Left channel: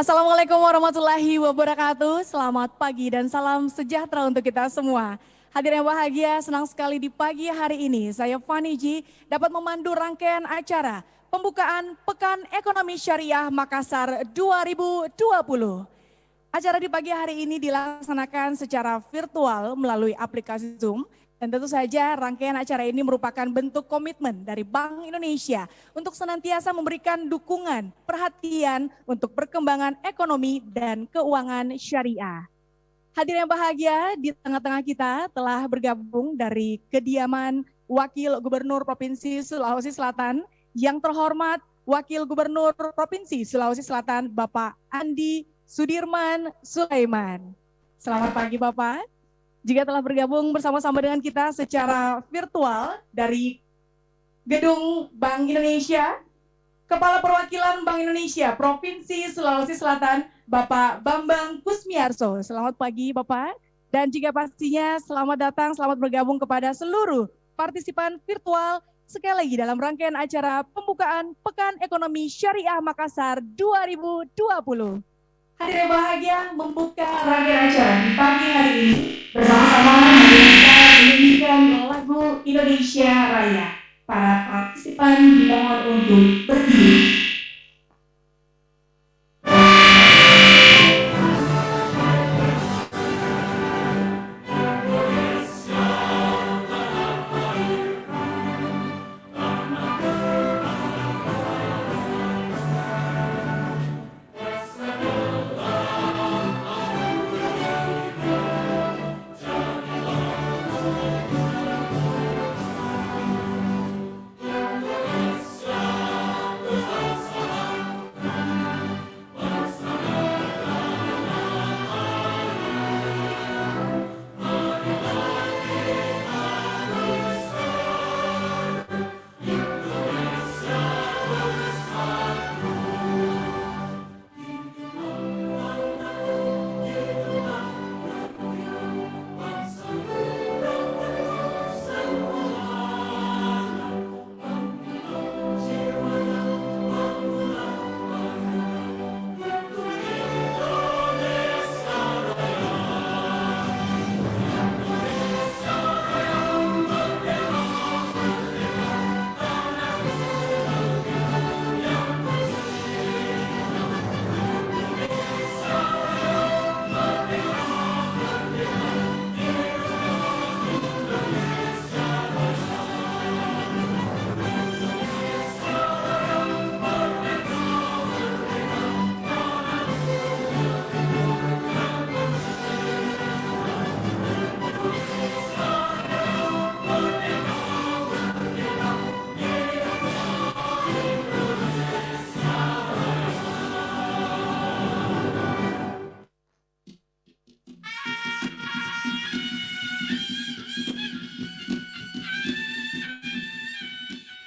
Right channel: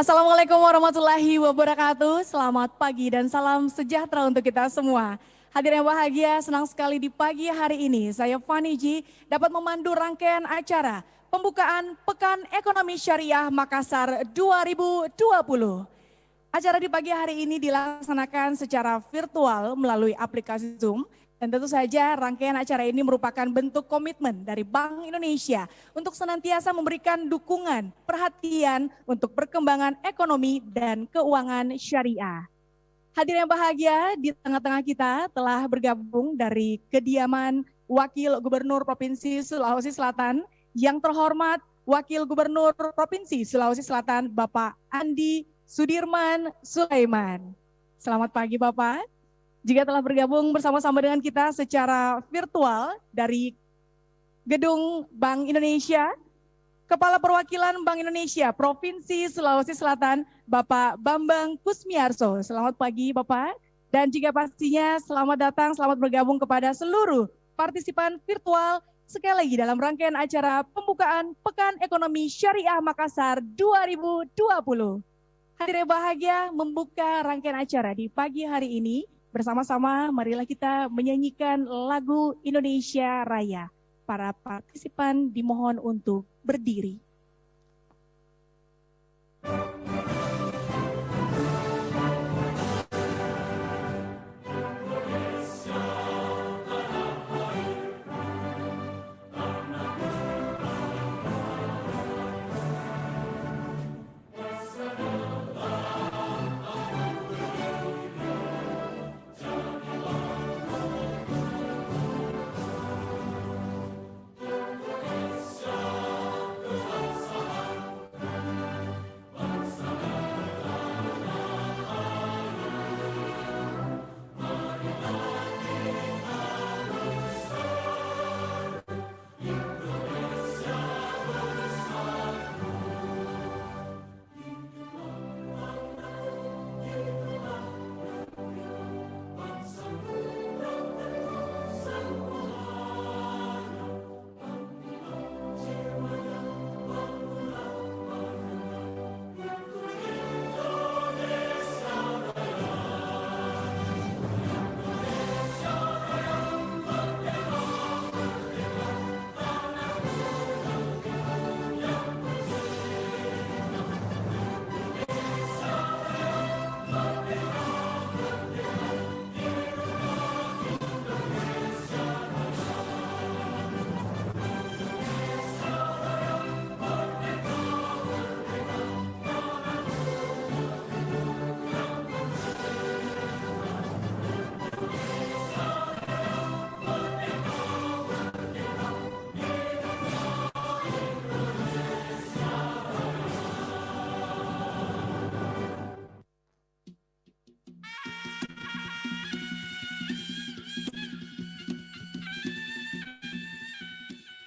Assalamualaikum warahmatullahi wabarakatuh. Selamat pagi dan salam sejahtera untuk kita semua. Hadirin yang bahagia, senang sekali di pagi hari ini saya Fani Ji dapat memandu rangkaian acara pembukaan Pekan Ekonomi Syariah Makassar 2020. Acara di pagi hari ini dilaksanakan secara virtual melalui aplikasi Zoom. Dan tentu saja rangkaian acara ini merupakan bentuk komitmen dari Bank Indonesia untuk senantiasa memberikan dukungan, perhatian untuk perkembangan ekonomi dan keuangan syariah. Hadirin yang bahagia, di tengah-tengah kita telah bergabung dari kediaman Wakil Gubernur Provinsi Sulawesi Selatan yang terhormat Wakil Gubernur Provinsi Sulawesi Selatan Bapak Andi Sudirman Sulaiman. Selamat pagi Bapak. Jika telah bergabung bersama-sama dengan kita secara virtual dari Gedung Bank Indonesia, Kepala Perwakilan Bank Indonesia Provinsi Sulawesi Selatan, Bapak Bambang Kusmiarso. Selamat pagi Bapak. Dan juga pastinya selamat datang, selamat bergabung kepada seluruh partisipan virtual sekali lagi dalam rangkaian acara pembukaan Pekan Ekonomi Syariah Makassar 2020. Hadirin bahagia membuka rangkaian acara di pagi hari ini bersama-sama menyanyikan lagu Indonesia Raya. Para partisipan dimohon untuk berdiri.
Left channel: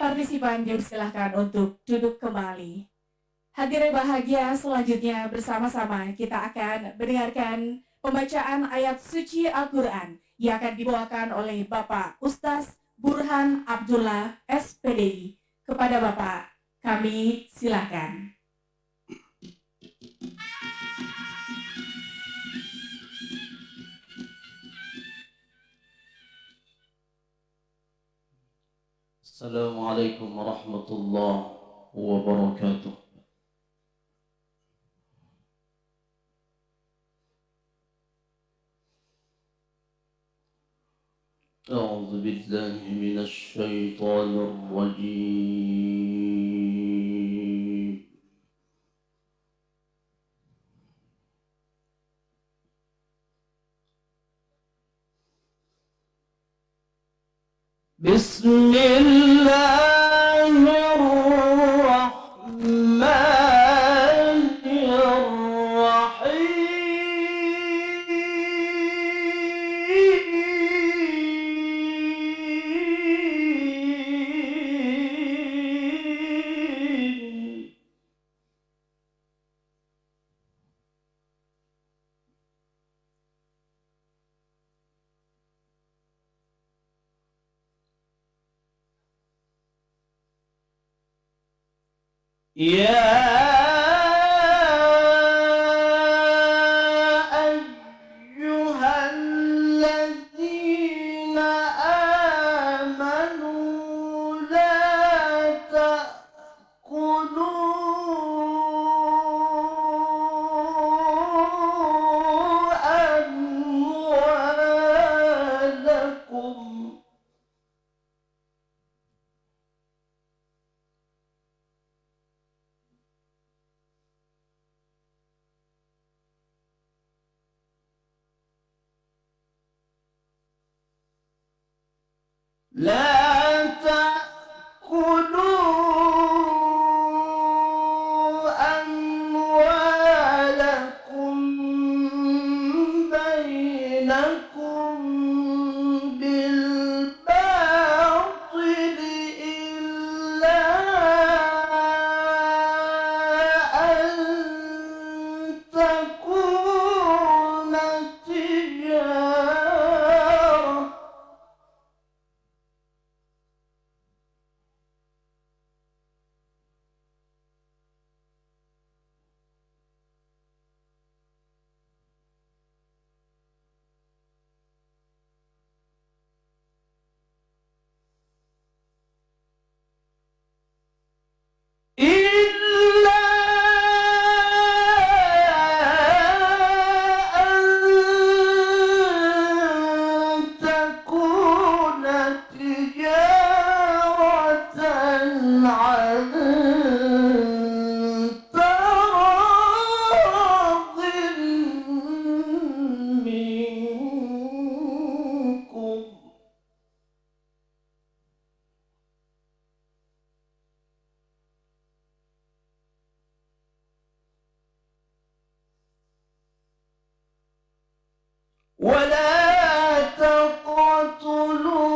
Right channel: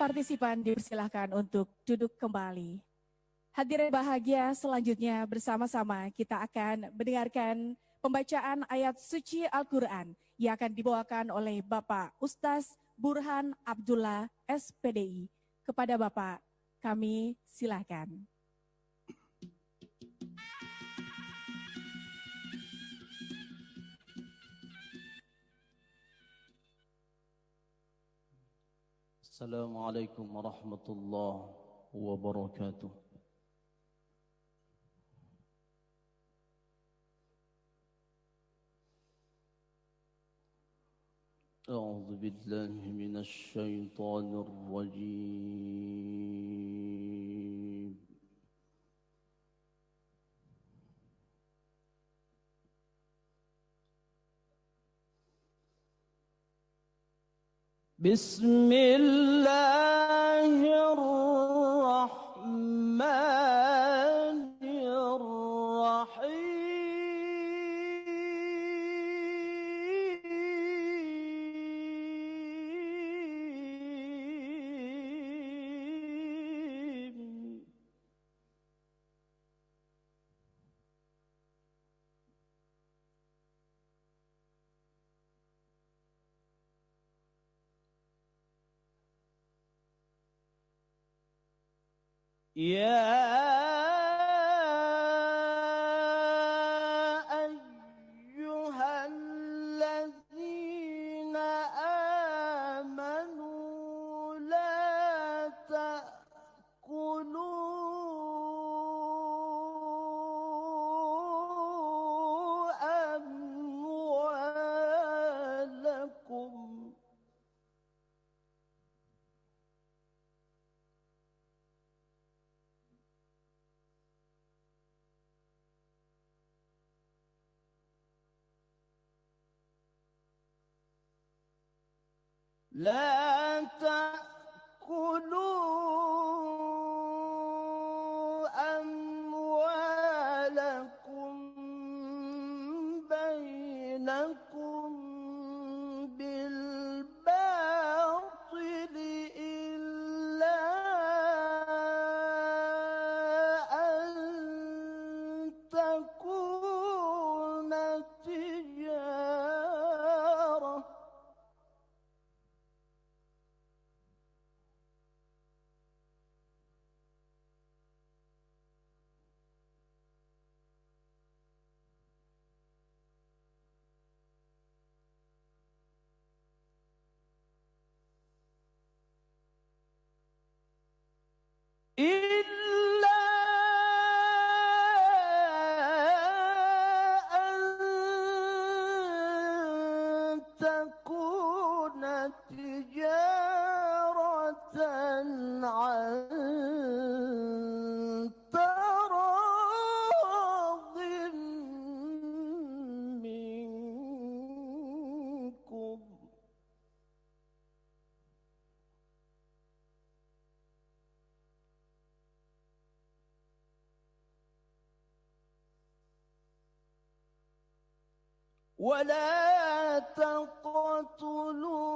Partisipan dipersilahkan untuk duduk kembali. Hadirin bahagia, selanjutnya bersama-sama kita akan mendengarkan pembacaan ayat suci Al-Quran yang akan dibawakan oleh Bapak Ustaz Burhan Abdullah SPDI. Kepada Bapak, kami silakan. Assalamualaikum warahmatullahi wabarakatuh. أعوذ بالله من الشيطان الرجيم. بسم الله الرحمن الرحيم. يا لا تأكلوا أموالكم بينكم بالباطل إلا أن تكون تجارة. إلا أن تكون تجارة عن تراض منكم. ولا تقتلوا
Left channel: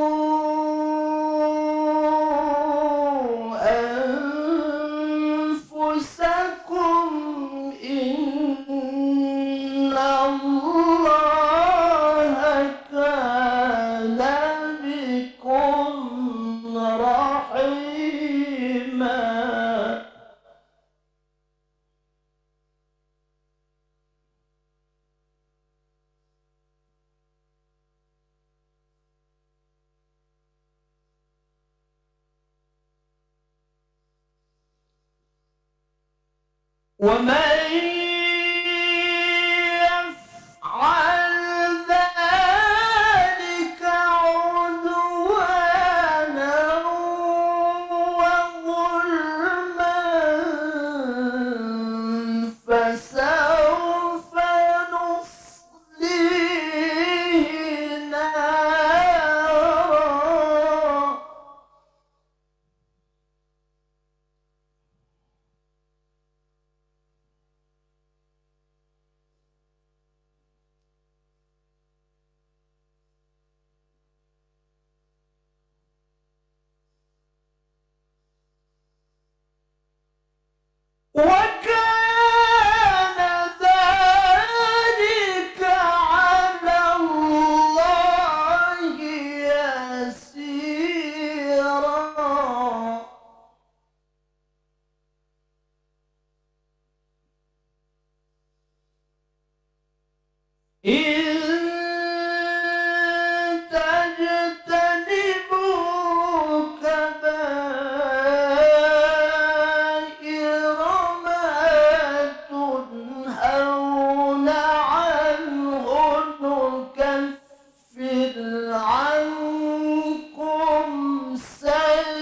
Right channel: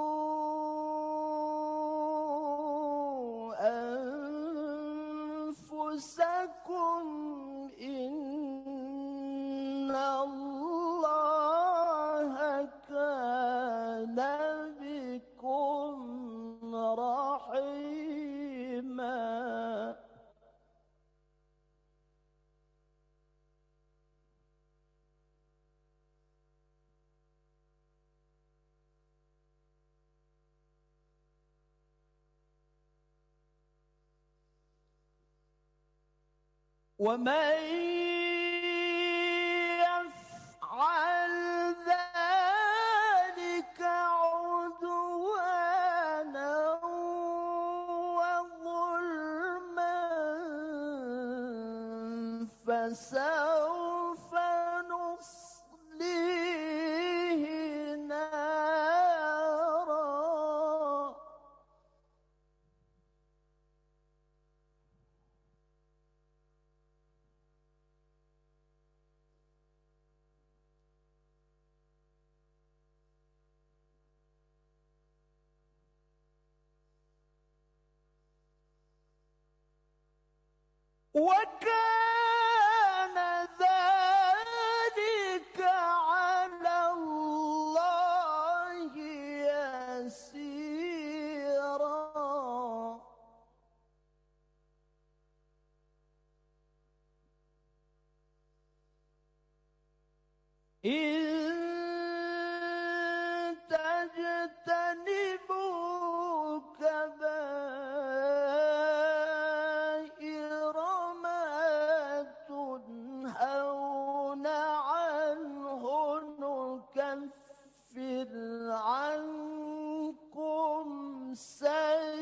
أنفسكم إن الله كان بكم رحيما. ومن يفعل ذلك عدوانا وظلما فسوف نصليه نارا. وكان ذلك على الله يسيرا. إن تجتنبوا كبائر ما تنهون عنه نكفر عنكم سيئاتكم.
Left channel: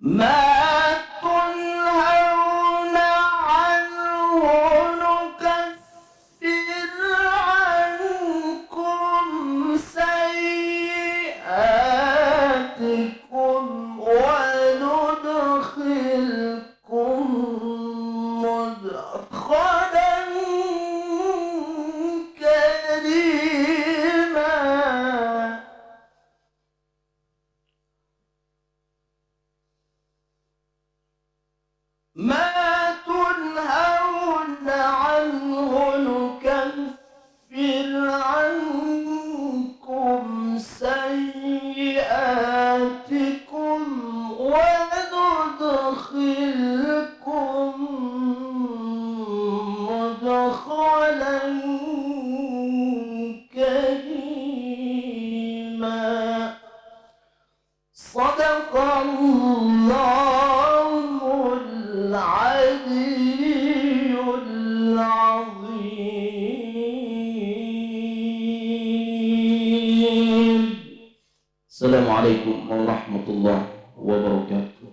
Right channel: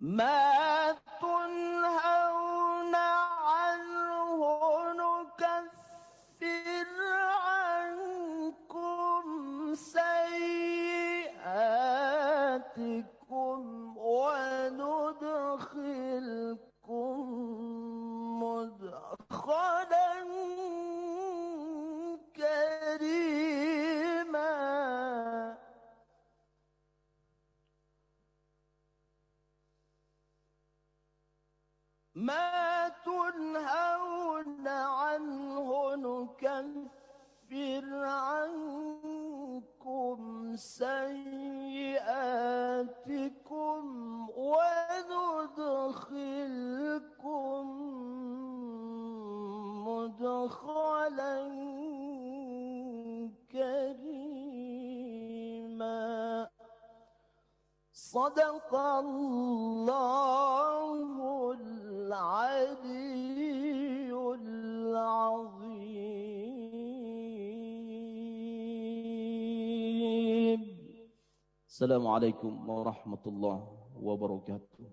ما تنهون عنه نكفر عنكم سيئاتكم وندخلكم مدخلا كريما. ما تنهون عنه نكفر عنكم سيئاتكم وندخلكم مدخلا كريما. صدق الله العظيم. Assalamualaikum warahmatullahi wabarakatuh.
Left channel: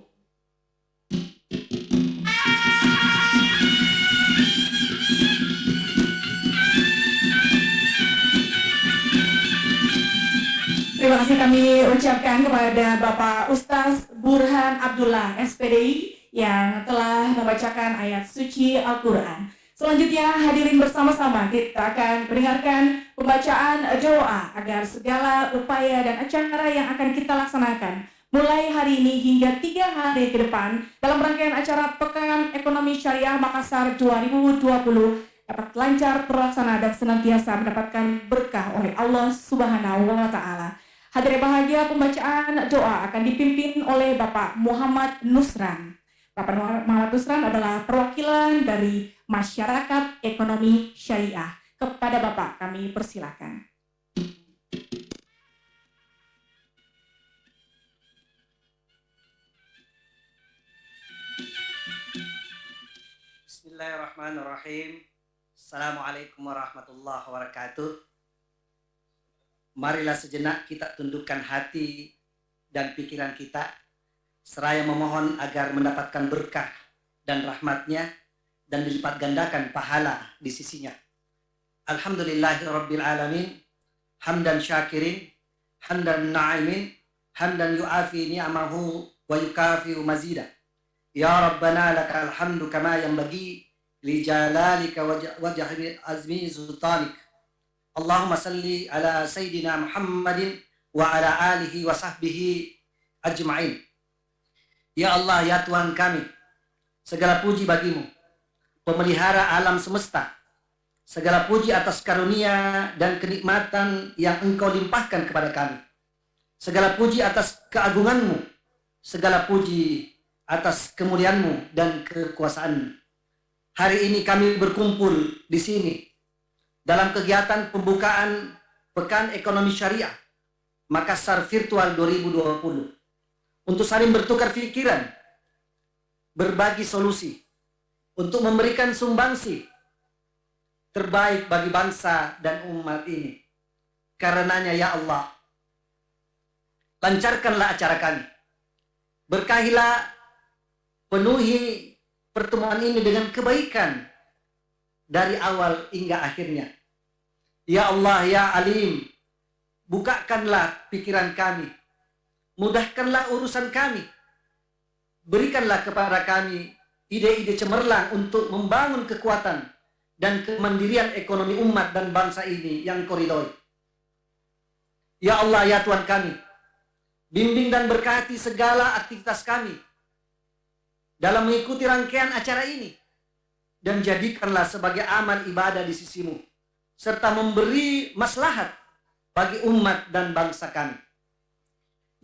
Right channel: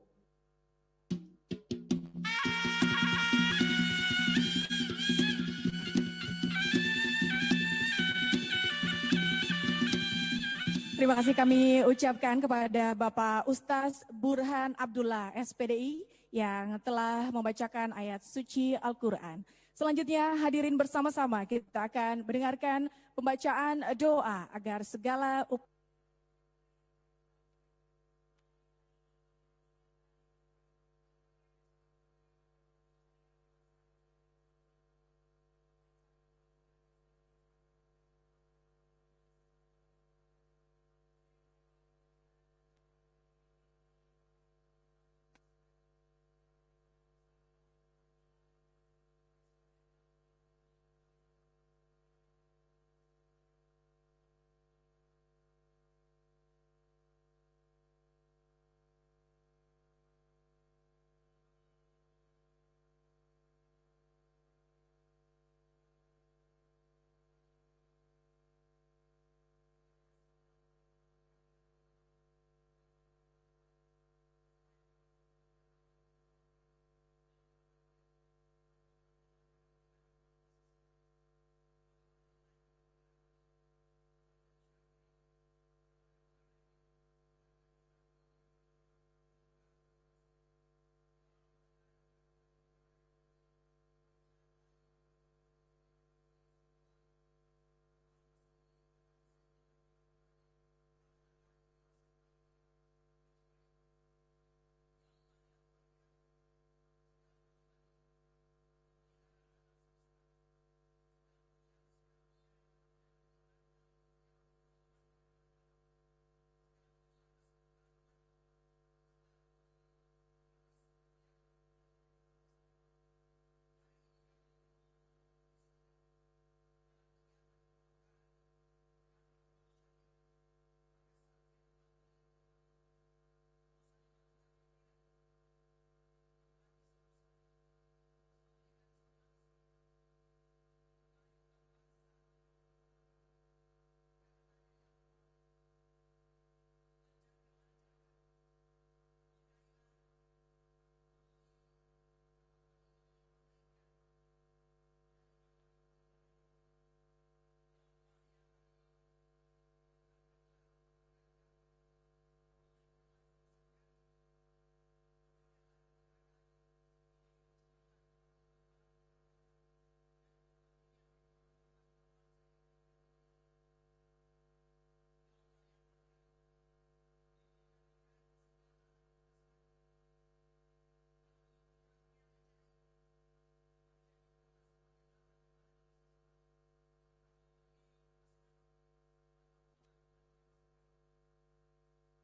Terima kasih kami ucapkan kepada Bapak Ustaz Burhan Abdullah SPDI yang telah membacakan ayat suci Al-Quran. Selanjutnya hadirin bersama-sama kita akan mendengarkan pembacaan doa agar segala upaya dan acara yang akan kita laksanakan mulai hari ini hingga 3 hari ke depan dalam rangkaian acara Pekan Ekonomi Syariah Makassar 2020 dapat lancar terlaksana dan senantiasa mendapatkan berkah oleh Allah Subhanahu wa Ta'ala. Hadirin bahagia, pembacaan doa akan dipimpin oleh Bapak Muhammad Nusran. Bapak Muhammad Nusran adalah perwakilan dari Masyarakat Ekonomi Syariah. Kepada Bapak kami persilakan. Bismillahirrahmanirrahim. Assalamualaikum warahmatullahi wabarakatuh. Marilah sejenak kita tundukkan hati dan pikiran kita, seraya memohon agar mendapatkan berkah dan rahmatnya dan dilipat gandakan pahala di sisinya. Alhamdulillahirabbil alamin, hamdan syakirin, hamdan na'imin, hamdan yu'afi ni'amahu wa yukafi'u mazida. Ya Rabbana lakal hamdu kama yanbaghi li jalalika wa jahri azmi sultanik. Allahumma salli ala sayyidina Muhammadin wa ala alihi wa sahbihi ajma'in. Ya Allah, ya Tuhan kami, segala puji bagimu, pemelihara alam semesta. Segala puji atas karunia dan kenikmatan yang Engkau limpahkan kepada kami. Segala puji atas keagunganmu. Segala puji atas kemuliaanmu dan kekuasaanmu. Hari ini kami berkumpul di sini dalam kegiatan pembukaan Pekan Ekonomi Syariah Makassar Virtual 2020 untuk saling bertukar pikiran, berbagi solusi, untuk memberikan sumbangsi terbaik bagi bangsa dan umat ini. Karenanya ya Allah, lancarkanlah acara kami. Berkahilah, penuhi pertemuan ini dengan kebaikan dari awal hingga akhirnya. Ya Allah, ya Alim, bukakanlah pikiran kami, mudahkanlah urusan kami, berikanlah kepada kami ide-ide cemerlang untuk membangun kekuatan dan kemandirian ekonomi umat dan bangsa ini yang Kau ridhoi. Ya Allah, ya Tuhan kami, bimbing dan berkati segala aktivitas kami dalam mengikuti rangkaian acara ini, dan jadikanlah sebagai amal ibadah di sisimu, serta memberi maslahat bagi umat dan bangsa kami.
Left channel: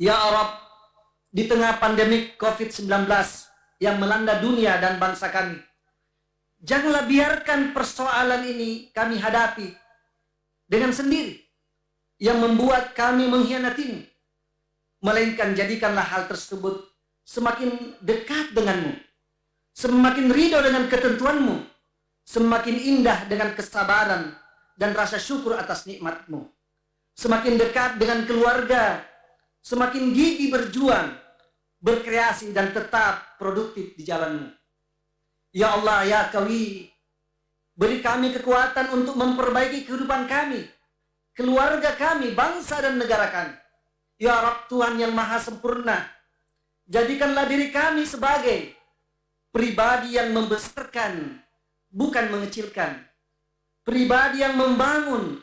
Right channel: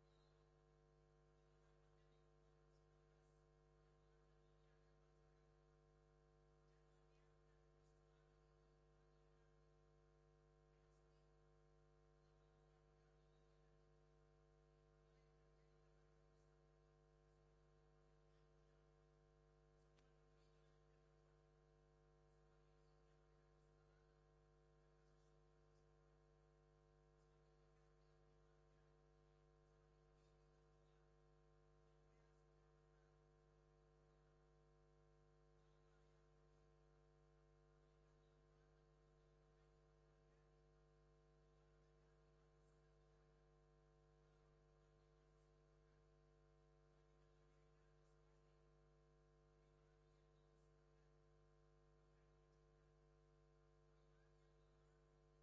Ya Rabb, di tengah pandemi COVID-19 yang melanda dunia dan bangsa kami, janganlah biarkan persoalan ini kami hadapi dengan sendiri yang membuat kami mengkhianatimu, melainkan jadikanlah hal tersebut semakin dekat denganmu, semakin ridho dengan ketentuanmu, semakin indah dengan kesabaran dan rasa syukur atas nikmatmu, semakin dekat dengan keluarga, semakin gigih berjuang, berkreasi dan tetap produktif di jalanmu. Ya Allah, ya Qawi, beri kami kekuatan untuk memperbaiki kehidupan kami, keluarga kami, bangsa dan negara kami. Ya Rabb, Tuhan yang maha sempurna, jadikanlah diri kami sebagai pribadi yang membesarkan, bukan mengecilkan. Pribadi yang membangun,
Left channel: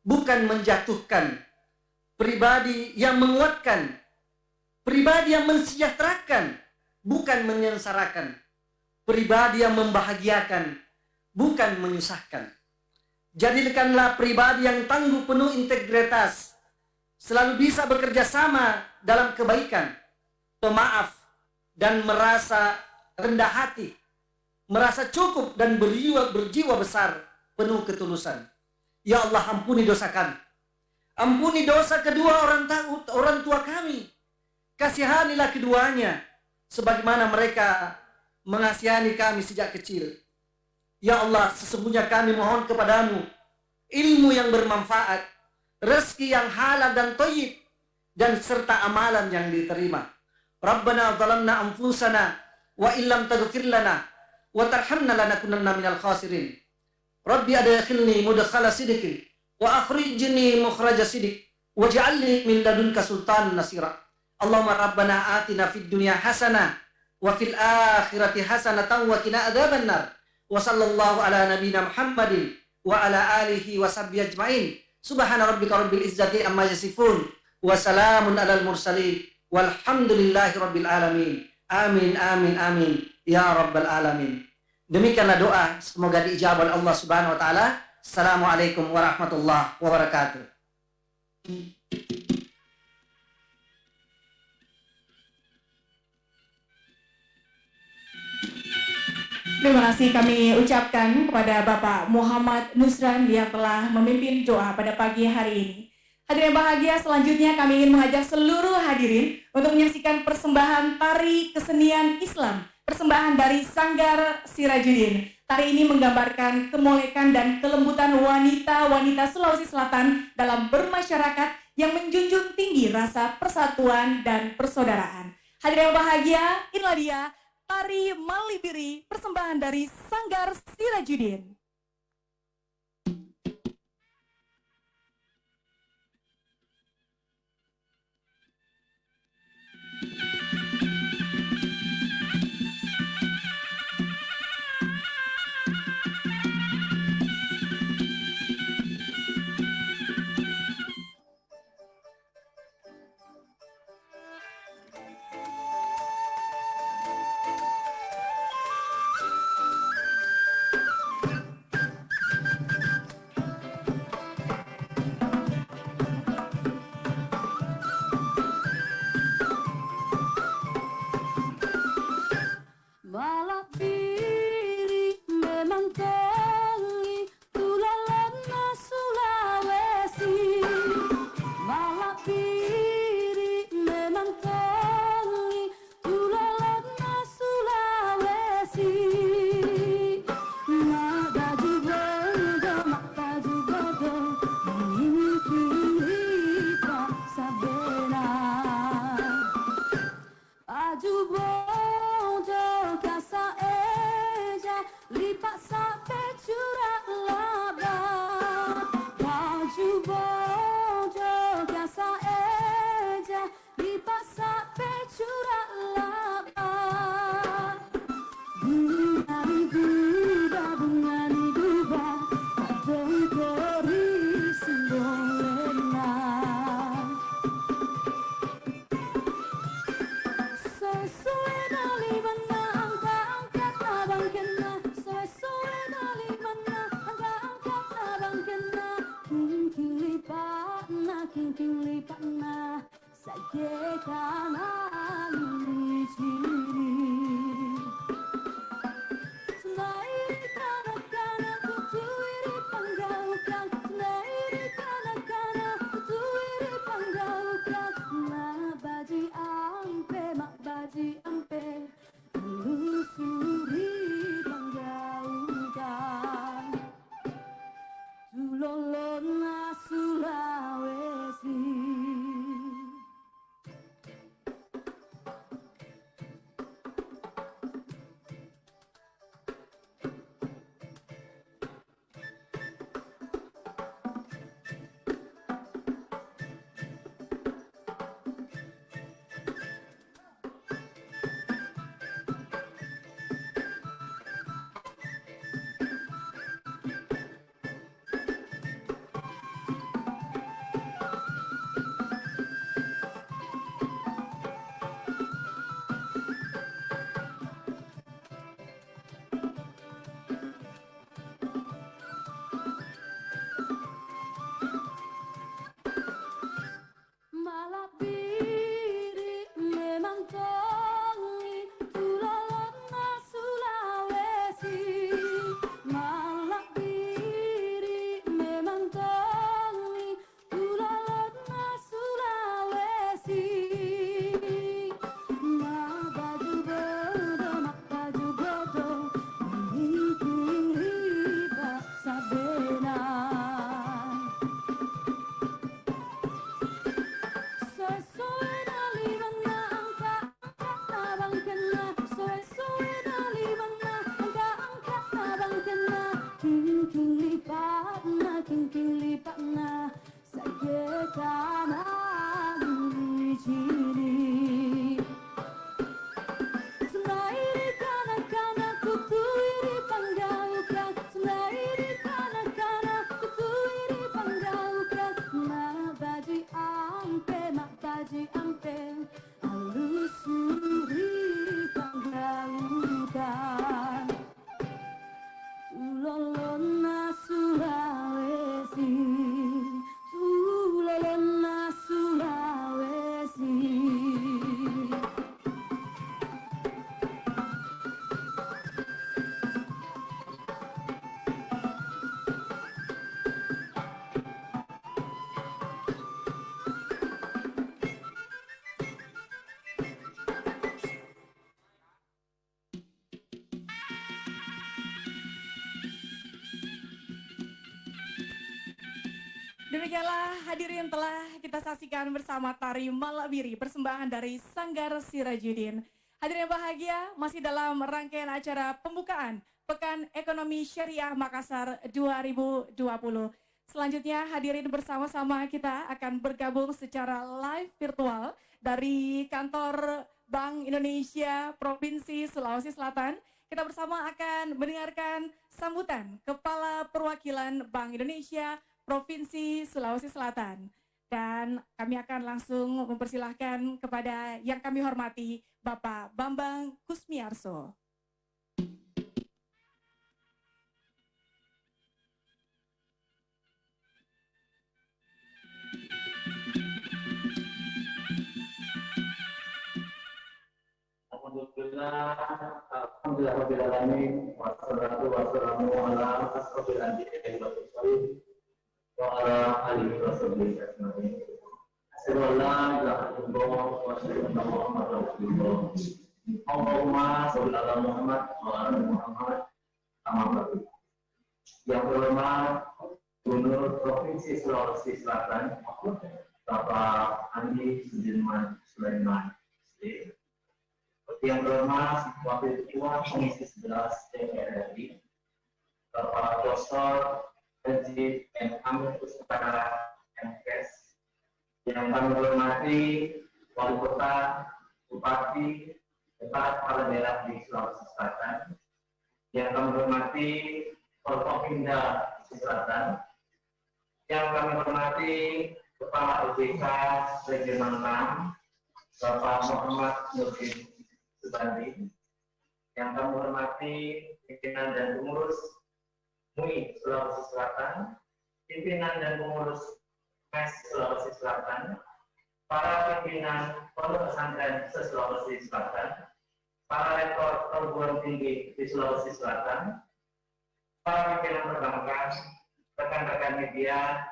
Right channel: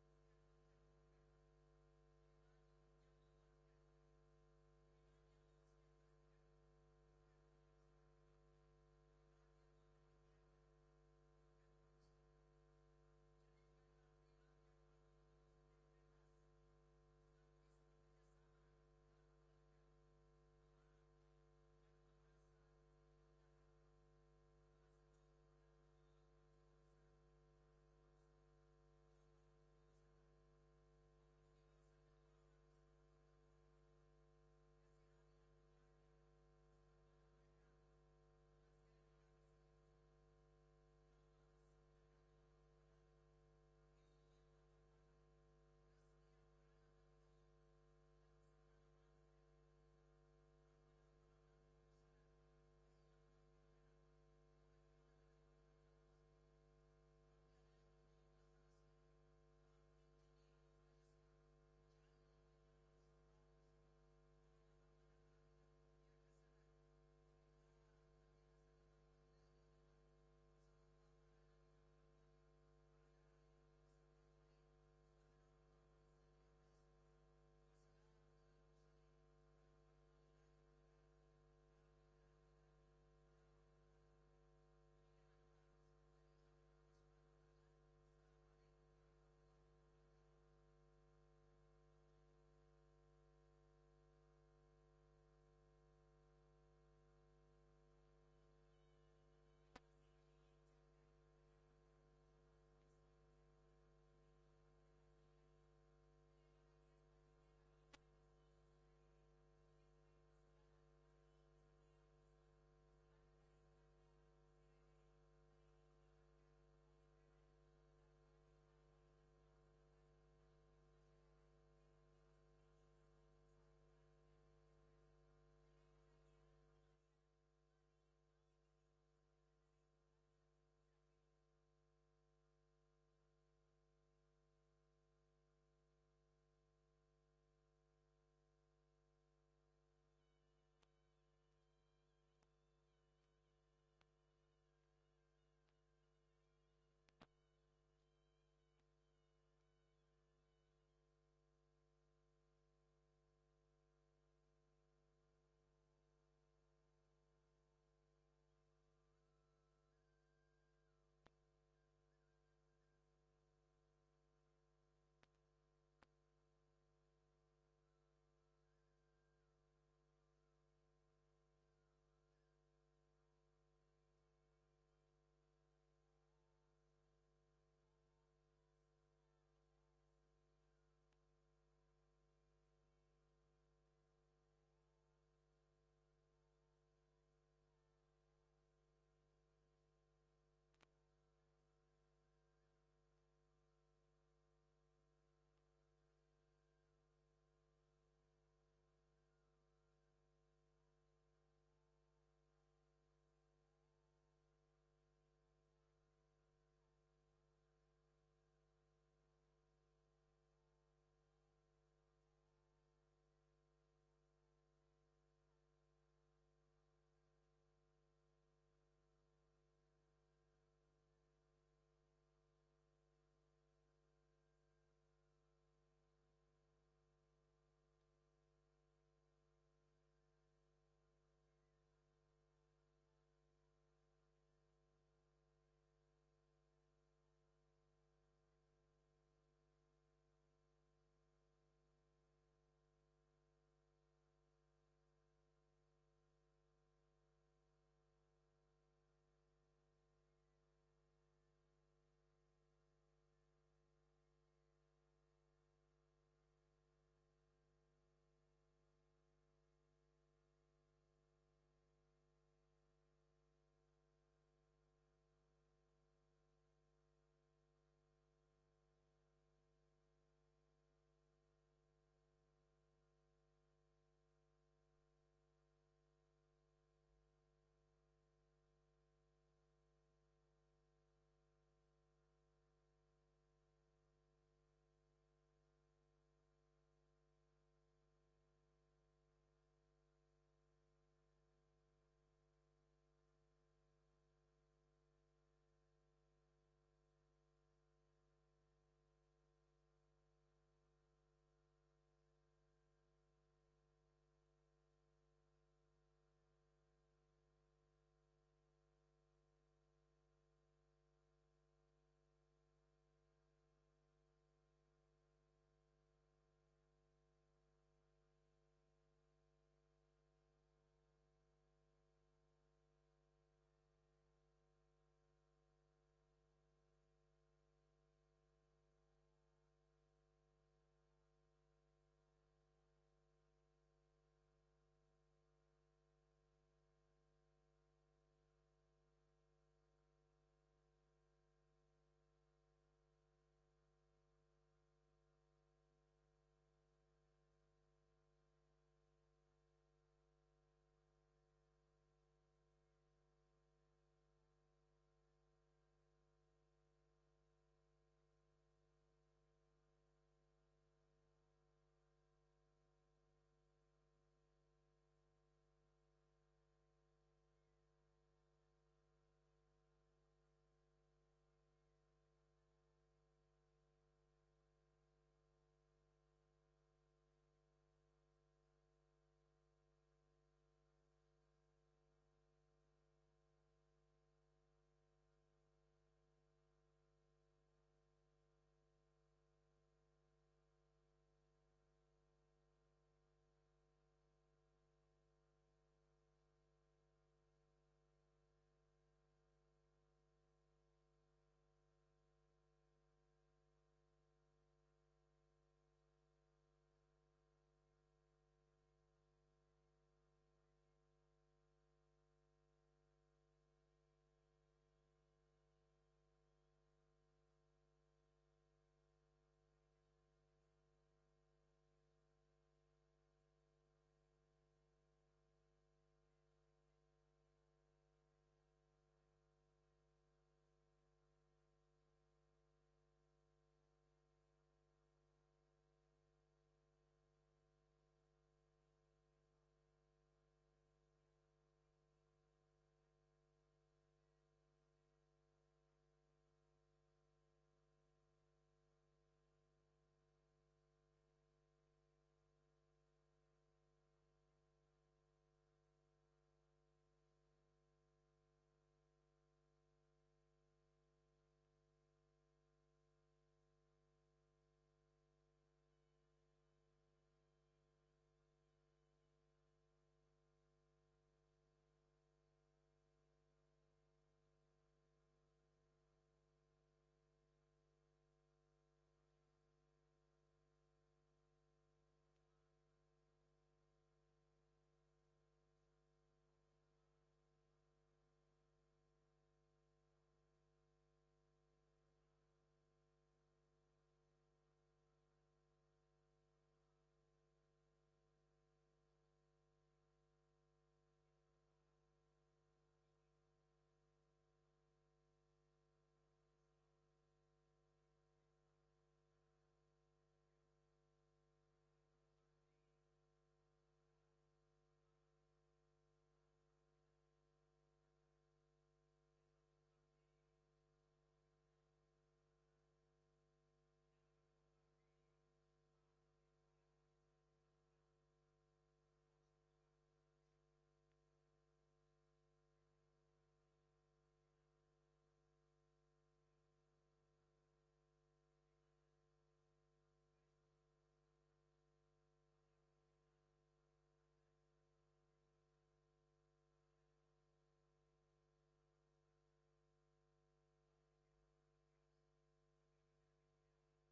bukan menjatuhkan. Pribadi yang menguatkan. Pribadi yang mensejahterakan, bukan menyengsarakan. Pribadi yang membahagiakan, bukan menyusahkan. Jadikanlah pribadi yang tangguh, penuh integritas, selalu bisa bekerja sama dalam kebaikan, pemaaf, dan merasa rendah hati, merasa cukup dan berjiwa besar, penuh ketulusan. Ya Allah, ampuni dosa kami, ampuni dosa kedua orang tua kami, kasihanilah keduanya sebagaimana mereka mengasihani kami sejak kecil. Ya Allah, sesungguhnya kami mohon kepadamu ilmu yang bermanfaat, rezeki yang halal dan thayyib, dan serta amalan yang diterima. Rabbana zalamna anfusana wa illam taghfir lana wa tarhamna lanakunanna minal khasirin. Rabbi adkhilni mudkhala sidqin wa akhrijni mukhraja sidq waj'alni min ladunka sultanan nasira. Allahumma rabbana atina fid dunya hasanah wa fil akhirati hasanatan wa qina adzabannar. Wa sallallahu ala nabiyyina Muhammadin wa ala alihi wa sahbihi ajmain. Subhana rabbika rabbil izzati amma yasifun wa salamun alal mursalin walhamdulillahi rabbil alamin. Amin amin amin ya rabbal alamin. Demikianlah doa, semoga diijabah oleh Allah Subhanahu wa taala. Assalamualaikum warahmatullahi wabarakatuh. Terima kasih kami ucapkan kepada Bapak Muhammad Nusran yang telah memimpin doa pada pagi hari ini. Hadirin yang bahagia, selanjutnya kami ingin mengajak seluruh hadirin untuk menyaksikan persembahan tari kesenian Islam, persembahan dari Sanggar Sirajudin. Tari ini menggambarkan kemolekan dan kelembutan wanita-wanita Sulawesi Selatan dalam bermasyarakat yang menjunjung tinggi rasa persatuan dan persaudaraan. Hadirin yang bahagia, inilah dia Tari Malibiri, persembahan dari Sanggar Sirajudin. Malabiri memang tinggi tulalana Sulawesi. Malabiri memang tinggi tulalana Sulawesi. Maka juga mengingkiri sabena. Ajubo kasa eja lipat sampai curah laba. Baju bojo kasa eja lipat sampai curah laba. Bunga di duba, bunga di duba, kadang kori simbolena. Sesuai dari mana angkat abang kena, sesuai dari mana angkat abang kena. King lipat na, saya kanan di sini. Selain kanak-kanak tutuiri panggaukan, selain kanak-kanak tutuiri panggaukan. Mak baji ampe, telusuri panggaukan. Tulolona Sulawesi. Demikianlah hadirin telah kita saksikan bersama tari Malabiri persembahan dari Sanggar Sirajuddin. Hadirin yang bahagia, masih dalam rangkaian acara pembukaan Pekan Ekonomi Syariah Makassar 2020. Selanjutnya hadirin bersama-sama kita akan bergabung secara live virtual dari kantor Bank Indonesia Provinsi Sulawesi Selatan. Kita bersama akan mendengarkan sambutan Kepala Perwakilan Bank Indonesia Provinsi Sulawesi Selatan. Dan kami akan langsung mempersilahkan kepada yang kami hormati Bapak Bambang Kusmiarso. Alhamdulillahirrahmanirrahim. Wassalatu wassalamu ala asrofil anbiya'i wal mursalin wa ala alihi wa sahbihi ajma'in. Asyhadu an la ilaha illallah wa asyhadu anna Muhammadar Rasulullah. Allahumma shalli ala Muhammad wa ala Muhammad. Amma ba'du. Yang terhormat Gubernur Provinsi Sulawesi Selatan, Bapak Andi Sudirman Sulaiman, yang terhormat Wakil Ketua Komisi 11 DPR RI, Bapak Dr. Haji M. Amir Pustaka MKes, yang kami hormati Wali Kota, Bupati, Kepala Kepala Daerah di Sulawesi Selatan, yang kami hormati Forkopimda Sulawesi Selatan, yang kami hormati Kepala OJK Regional 6, Bapak Muhammad Nurdin Subandi, yang kami hormati pimpinan dan pengurus MUI Sulawesi Selatan, pimpinan dan pengurus MES Sulawesi Selatan, para pimpinan pondok pesantren se-Sulawesi Selatan, para rektor perguruan tinggi di Sulawesi Selatan, para pimpinan perbankan, rekan-rekan media,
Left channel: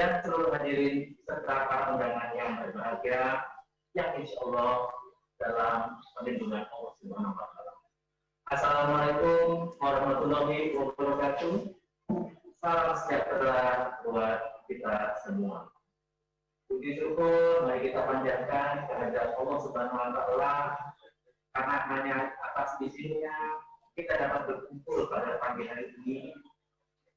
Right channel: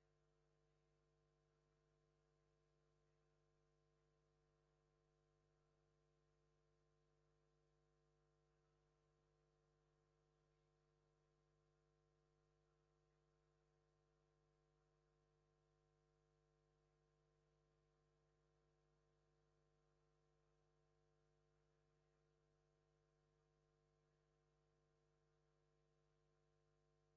dan seluruh hadirin serta para undangan yang berbahagia, yang insya Allah dalam perlindungan Allah Subhanahu wa Ta'ala. Assalamualaikum warahmatullahi wabarakatuh. Salam sejahtera buat kita semua. Puji syukur mari kita panjatkan kehadirat Allah Subhanahu wa Ta'ala, karena hanya atas izinnya kita dapat berkumpul pada pagi hari ini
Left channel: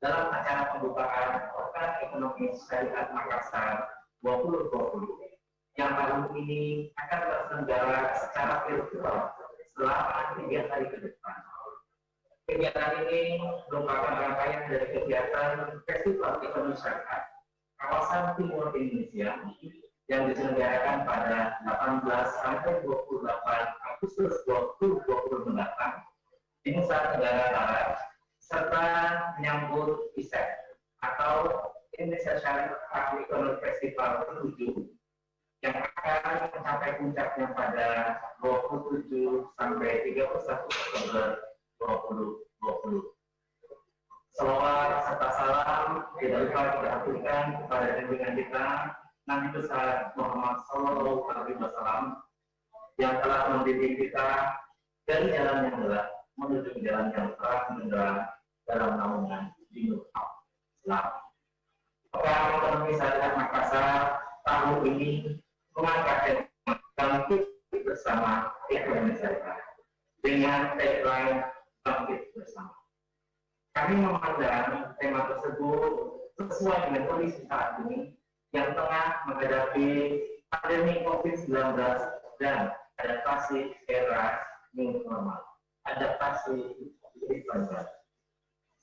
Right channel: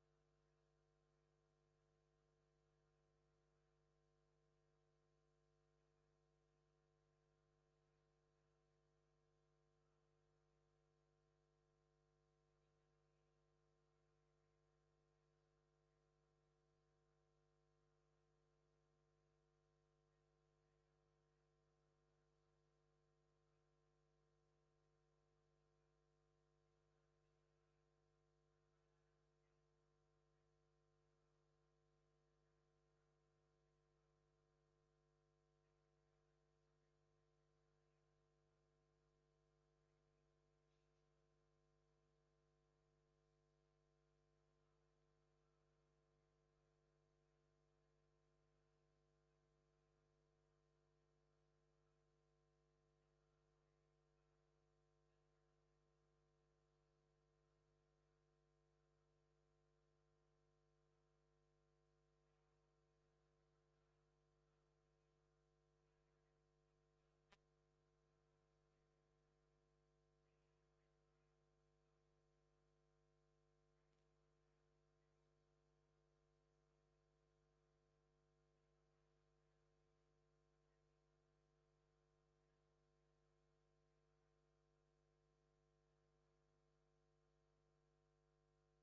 dalam acara pembukaan Pekan Ekonomi Syariah Makassar 2020 yang tahun ini akan terselenggara secara virtual selama 3 hari ke depan. Kegiatan ini merupakan rangkaian dari kegiatan Festival Ekonomi Syariah Kawasan Timur Indonesia yang diselenggarakan pada 18 sampai 28 Agustus 2020 mendatang di Nusa Tenggara Barat, serta menyambut ISEF atau Indonesia Syariah Ekonomi Festival ke-7 yang akan mencapai puncaknya pada 27 sampai 31 Oktober 2020. Salawat serta salam tidak lupa kita aturkan kepada junjungan kita Nabi besar Muhammad Sallallahu Alaihi Wasallam yang telah membimbing kita dari jalan yang gelap menuju jalan yang terang benderang dalam naungan Dinul Islam. Pekan Ekonomi Syariah Makassar tahun ini mengangkat tema bangkit bersama ekonomi syariah dengan tagline bangkit bersama. Kami memandang tema tersebut sesuai dengan kondisi saat ini yang tengah menghadapi pandemi COVID-19 dan adaptasi era new normal. Adaptasi COVID-19.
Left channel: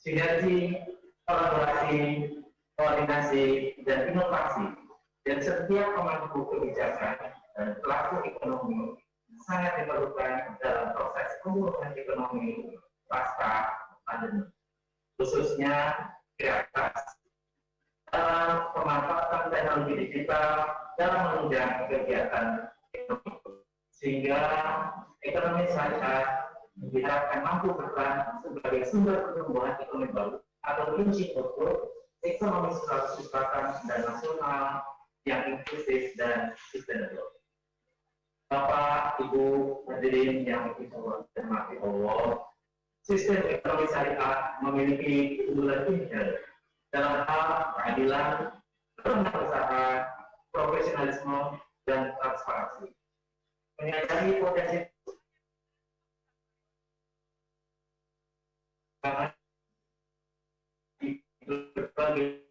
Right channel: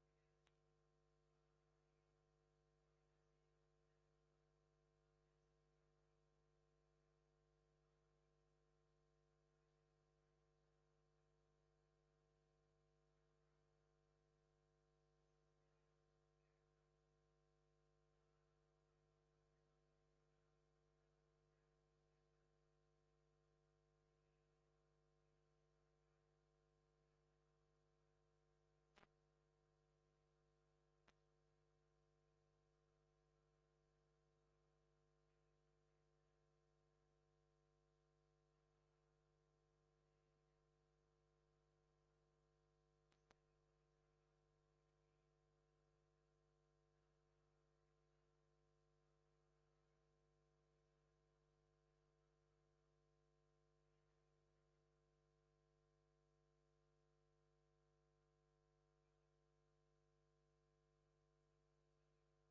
Sinergi, kolaborasi, koordinasi, dan inovasi dan setiap pemangku kebijakan dan pelaku ekonomi sangat diperlukan dalam proses pemulihan ekonomi pasca pandemi, khususnya kreativitas dalam pemanfaatan teknologi digital dalam menunjang kegiatan ekonomi, sehingga ekonomi syariah diharapkan mampu berperan sebagai sumber pertumbuhan ekonomi baru atau kunci untuk ekonomi Sulawesi Selatan dan nasional yang inklusif dan sustainable. Bapak, Ibu, hadirin yang dirahmati Allah, sistem ekonomi syariah memiliki keunggulan inherent dalam hal keadilan, kewirausahaan, profesionalisme, dan transparansi. Menyadari potensi di berbagai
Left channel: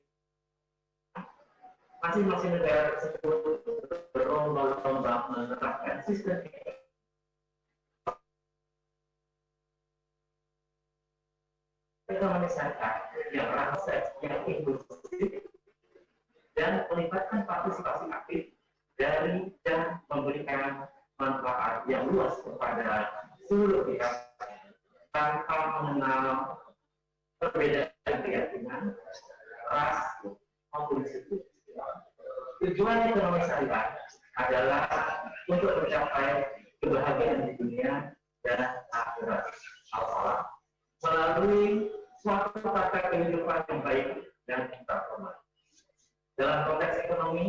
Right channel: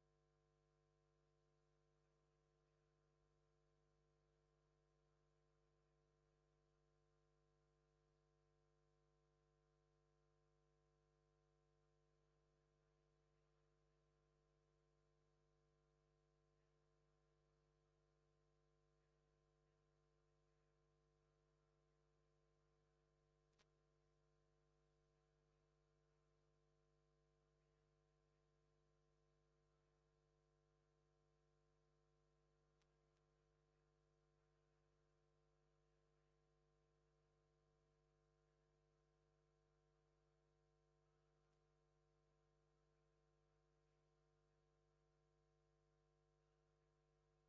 masing-masing negara tersebut berlomba-lomba menerapkan sistem ekonomi syariah yang ramah, yang inklusif, dan melibatkan partisipasi aktif dari dan memberikan manfaat yang luas kepada seluruh pihak tanpa mengenal perbedaan keyakinan, ras, maupun suku. Tujuan ekonomi syariah adalah untuk mencapai kebahagiaan di dunia dan akhirat al-falah melalui suatu tata kehidupan yang baik dan transformasi. Dalam konteks ekonomi,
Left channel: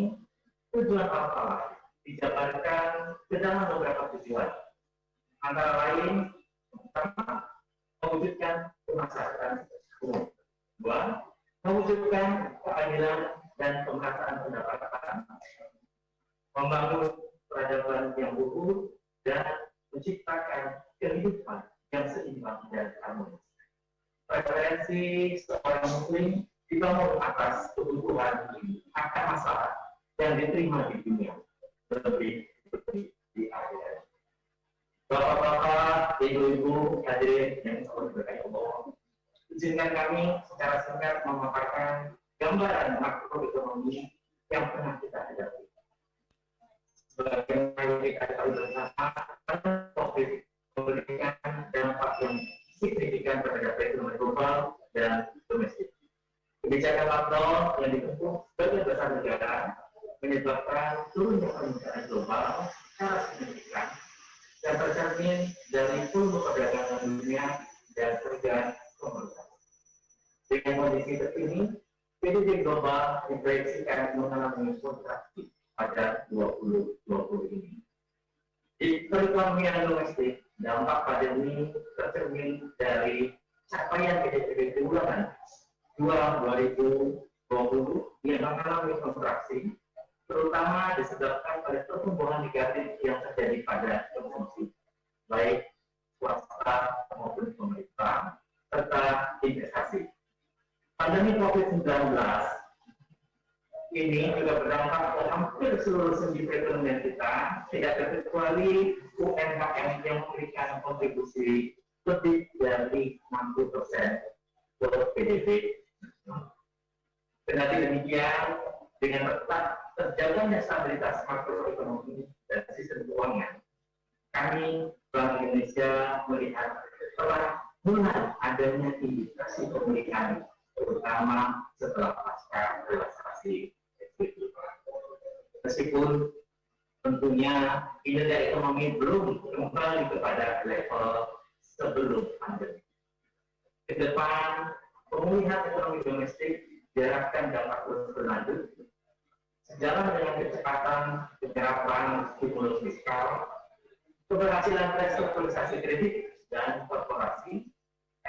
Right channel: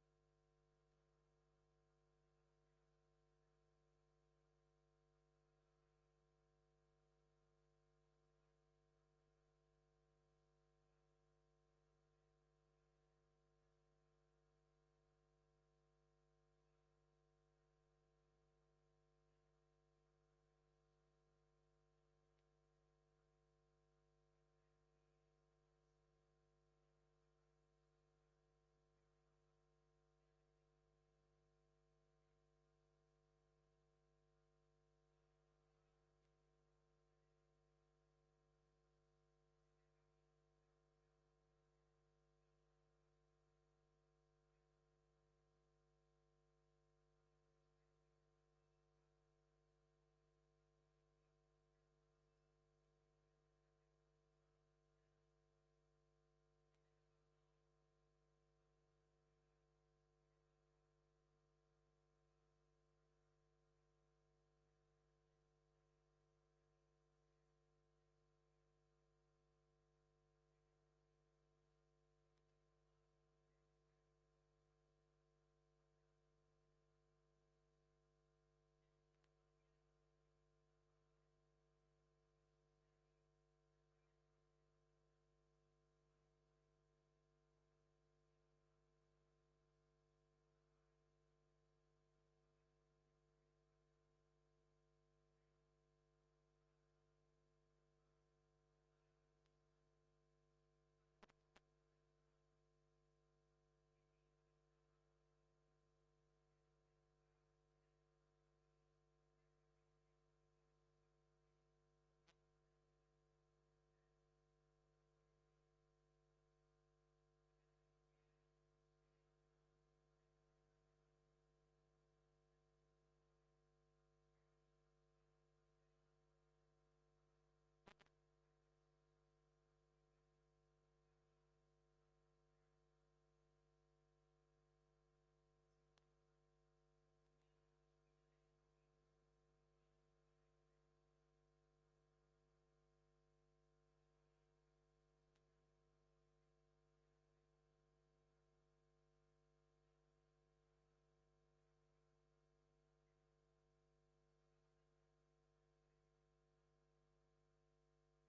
tujuan al-falah dijabarkan ke dalam beberapa tujuan, antara lain pertama, mewujudkan kemasyarakatan umum. Dua, mewujudkan keadilan dan pemerataan pendapatan, membangun peradaban yang luhur, dan menciptakan kehidupan yang seimbang dan harmonis. Preferensi seorang muslim dibangun atas kebutuhan akan masalah yang diterima di dunia, lebih di akhirat. Bapak-bapak, ibu-ibu, hadirin yang selalu berkait Allah, izinkan kami secara singkat memaparkan gambaran makroekonomi yang pernah kita hadapi. Sebagaimana kita tahu bersama, COVID memberikan dampak yang signifikan terhadap ekonomi global dan domestik. Kebijakan lockdown yang ditempuh sebagian besar negara menyebabkan turunnya permintaan global secara signifikan dan tercermin dari volume perdagangan dunia dan harga komoditas. Dengan kondisi terkini, PDB global diproyeksikan mengalami kontraksi pada 2020 ini. Di perekonomian domestik, dampak pandemi tercermin dari capaian PDB keuangan 2020 yang mengalami kontraksi, terutama disebabkan pada pertumbuhan negatif yang terjadi pada konsumsi, baik swasta maupun pemerintah, serta investasi. Pandemi COVID-19 ini juga berdampak ke hampir seluruh sendi perekonomian kita, tidak terkecuali UMKM yang memberikan kontribusi lebih dari 60% ke PDB. Kendati demikian, dengan tetap terjaganya stabilitas makroekonomi dan sistem keuangan, kami Bank Indonesia melihat telah mulai adanya indikasi pemulihan, terutama setelah pasca relaksasi PSBB. Meskipun tentunya kinerja ekonomi belum kembali kepada level sebelum pandemi. Ke depan, pemulihan ekonomi domestik diharapkan dapat terus berlanjut sejalan dengan kecepatan penyerapan stimulus fiskal, keberhasilan restrukturisasi kredit dan korporasi,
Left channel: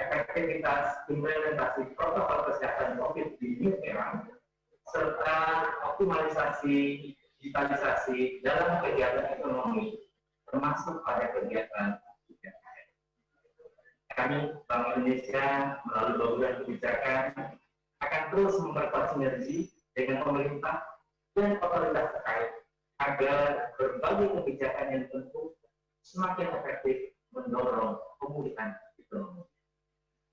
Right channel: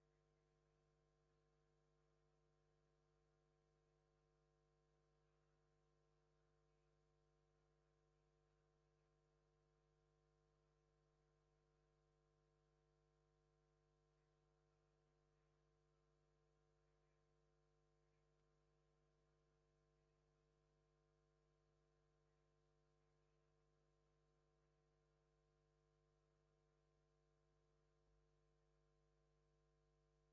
efektivitas implementasi protokol kesehatan COVID di New Era, serta optimalisasi digitalisasi dalam kegiatan ekonomi, termasuk pada kegiatan UMKM. Kami Bank Indonesia melalui program kebijakan akan terus memperkuat sinergi dengan pemerintah dan otoritas terkait agar berbagai kebijakan yang ditempuh semakin efektif mendorong pemulihan ekonomi.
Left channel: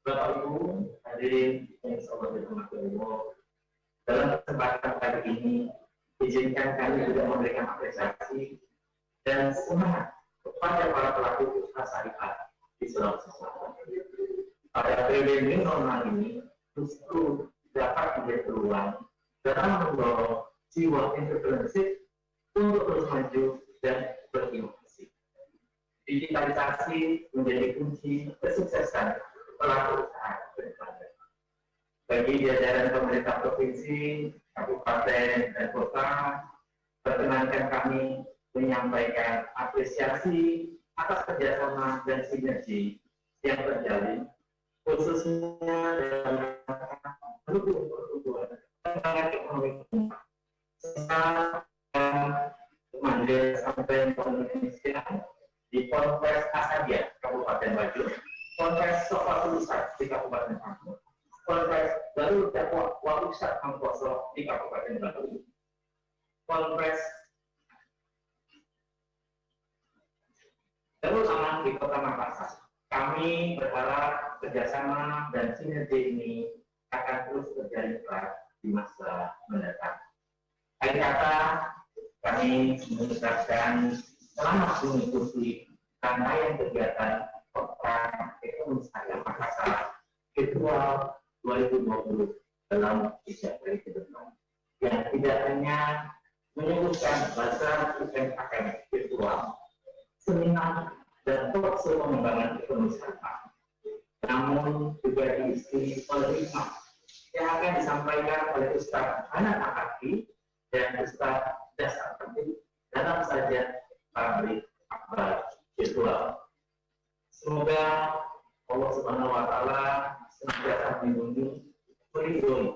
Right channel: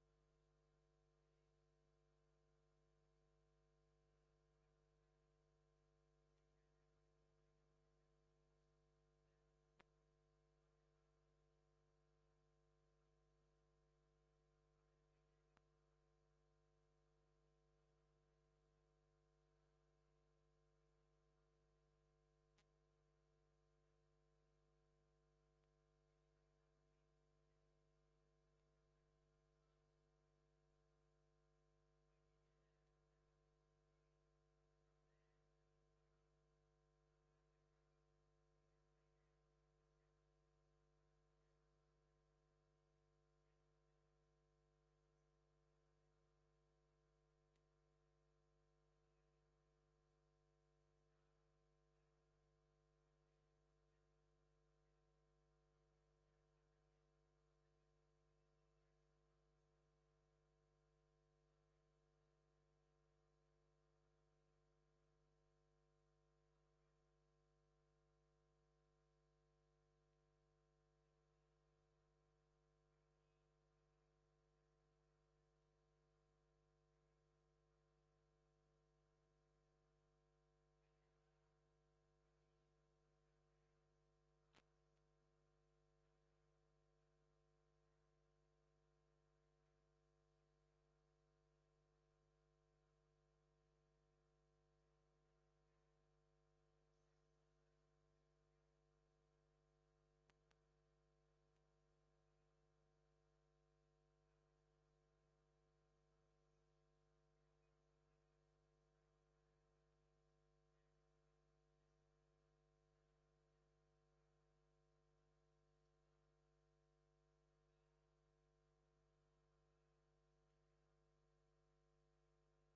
Bapak Ibu hadirin yang selalu dihormati Allah, dalam kesempatan kali ini izinkan kami juga memberikan apresiasi dan semangat kepada para pelaku usaha syariah di Sulawesi Selatan. Pada periode new normal ini justru dapat menjadi peluang dalam mendorong jiwa entrepreneurship untuk terus maju dan berinovasi. Digitalisasi menjadi kunci kesuksesan pelaku usaha berkelanjutan. Bagi jajaran pemerintah provinsi, kabupaten, dan kota, perkenankan kami menyampaikan apresiasi atas kerjasama dan sinergi yang terjalin, khususnya dalam mendukung pertumbuhan pengembangan ekonomi Saya manggil sampai Indonesia di Ponpes Asadia, Kabupaten Bajo, Ponpes Sofa Pusat di Kabupaten Bangko, Ponpes Baru Dakwah Pusat Mangkoso di Kabupaten Batu, Ponpes Darul Aman di Kota Makassar. Kami berharap kerjasama dan sinergi ini akan terus terjalin erat di masa mendatang. Akhir kata, kami mengucapkan selamat mengikuti rangkaian kegiatan Pekan Ekonomi Syariah Makassar Virtual 2020 dalam 3 hari ke depan, yang tidak hanya menyebutkan bazar event akademik virtual, seminar dan talkshow pengembangan ekonomi syariah, namun juga diisi oleh hikmah yang akan disampaikan oleh Ustaz Hanan Akaki dan Ustaz Dasar Penting dalam sajian pabrik akbar virtual. Semoga Allah Subhanahu wa Ta'ala senantiasa melindungi, melindungi,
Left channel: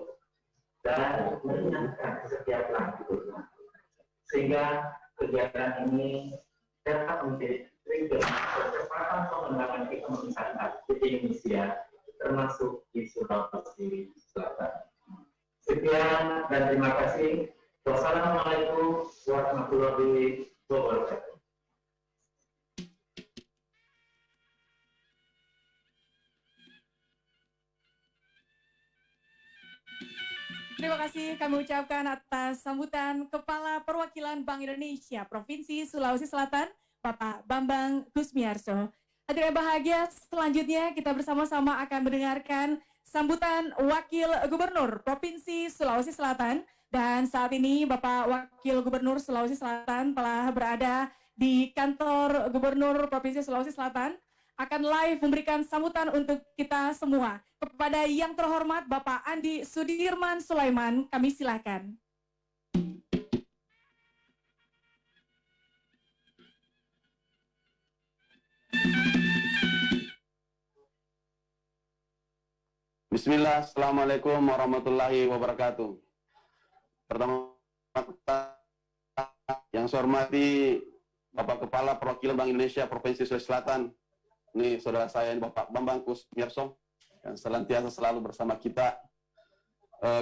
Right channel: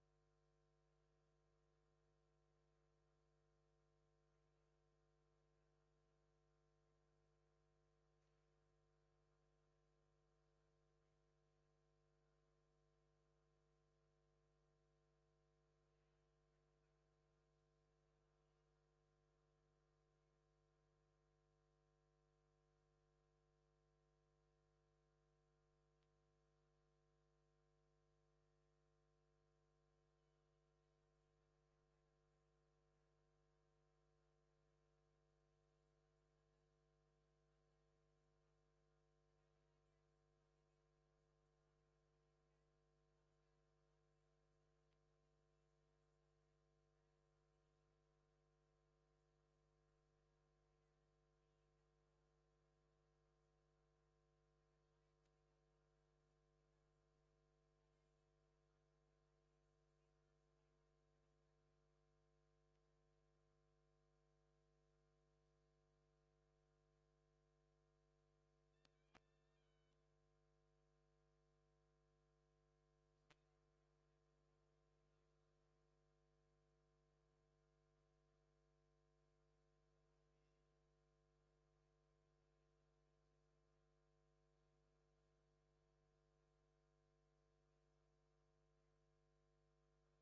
dan meringankan setiap langkah, sehingga kegiatan ini dapat menjadi trigger percepatan pengembangan ekonomi syariah di Indonesia, termasuk di Sulawesi Selatan. Sekian dan terima kasih. Wassalamualaikum warahmatullahi wabarakatuh. Terima kasih kami ucapkan atas sambutan Kepala Perwakilan Bank Indonesia Provinsi Sulawesi Selatan, Bapak Bambang Gusmiarso. Hadirin bahagia, selanjutnya kita bersama-sama akan mendengarkan sambutan Wakil Gubernur Provinsi Sulawesi Selatan. Dan saat ini Bapak Wakil Gubernur Sulawesi Selatan telah berada di kantor Gubernur Provinsi Sulawesi Selatan, akan live memberikan sambutan untuk kita semua. Kepada yang terhormat Bapak Andi Sudirman Sulaiman, kami silakan. Bismillah, Assalamualaikum warahmatullahi wabarakatuh. Pertama, yang saya hormati Bapak Kepala Perwakilan Bank Indonesia Provinsi Sulawesi Selatan, ini saudara saya ini Bapak Bambang Gusmiarso, yang senantiasa selalu bersama kita.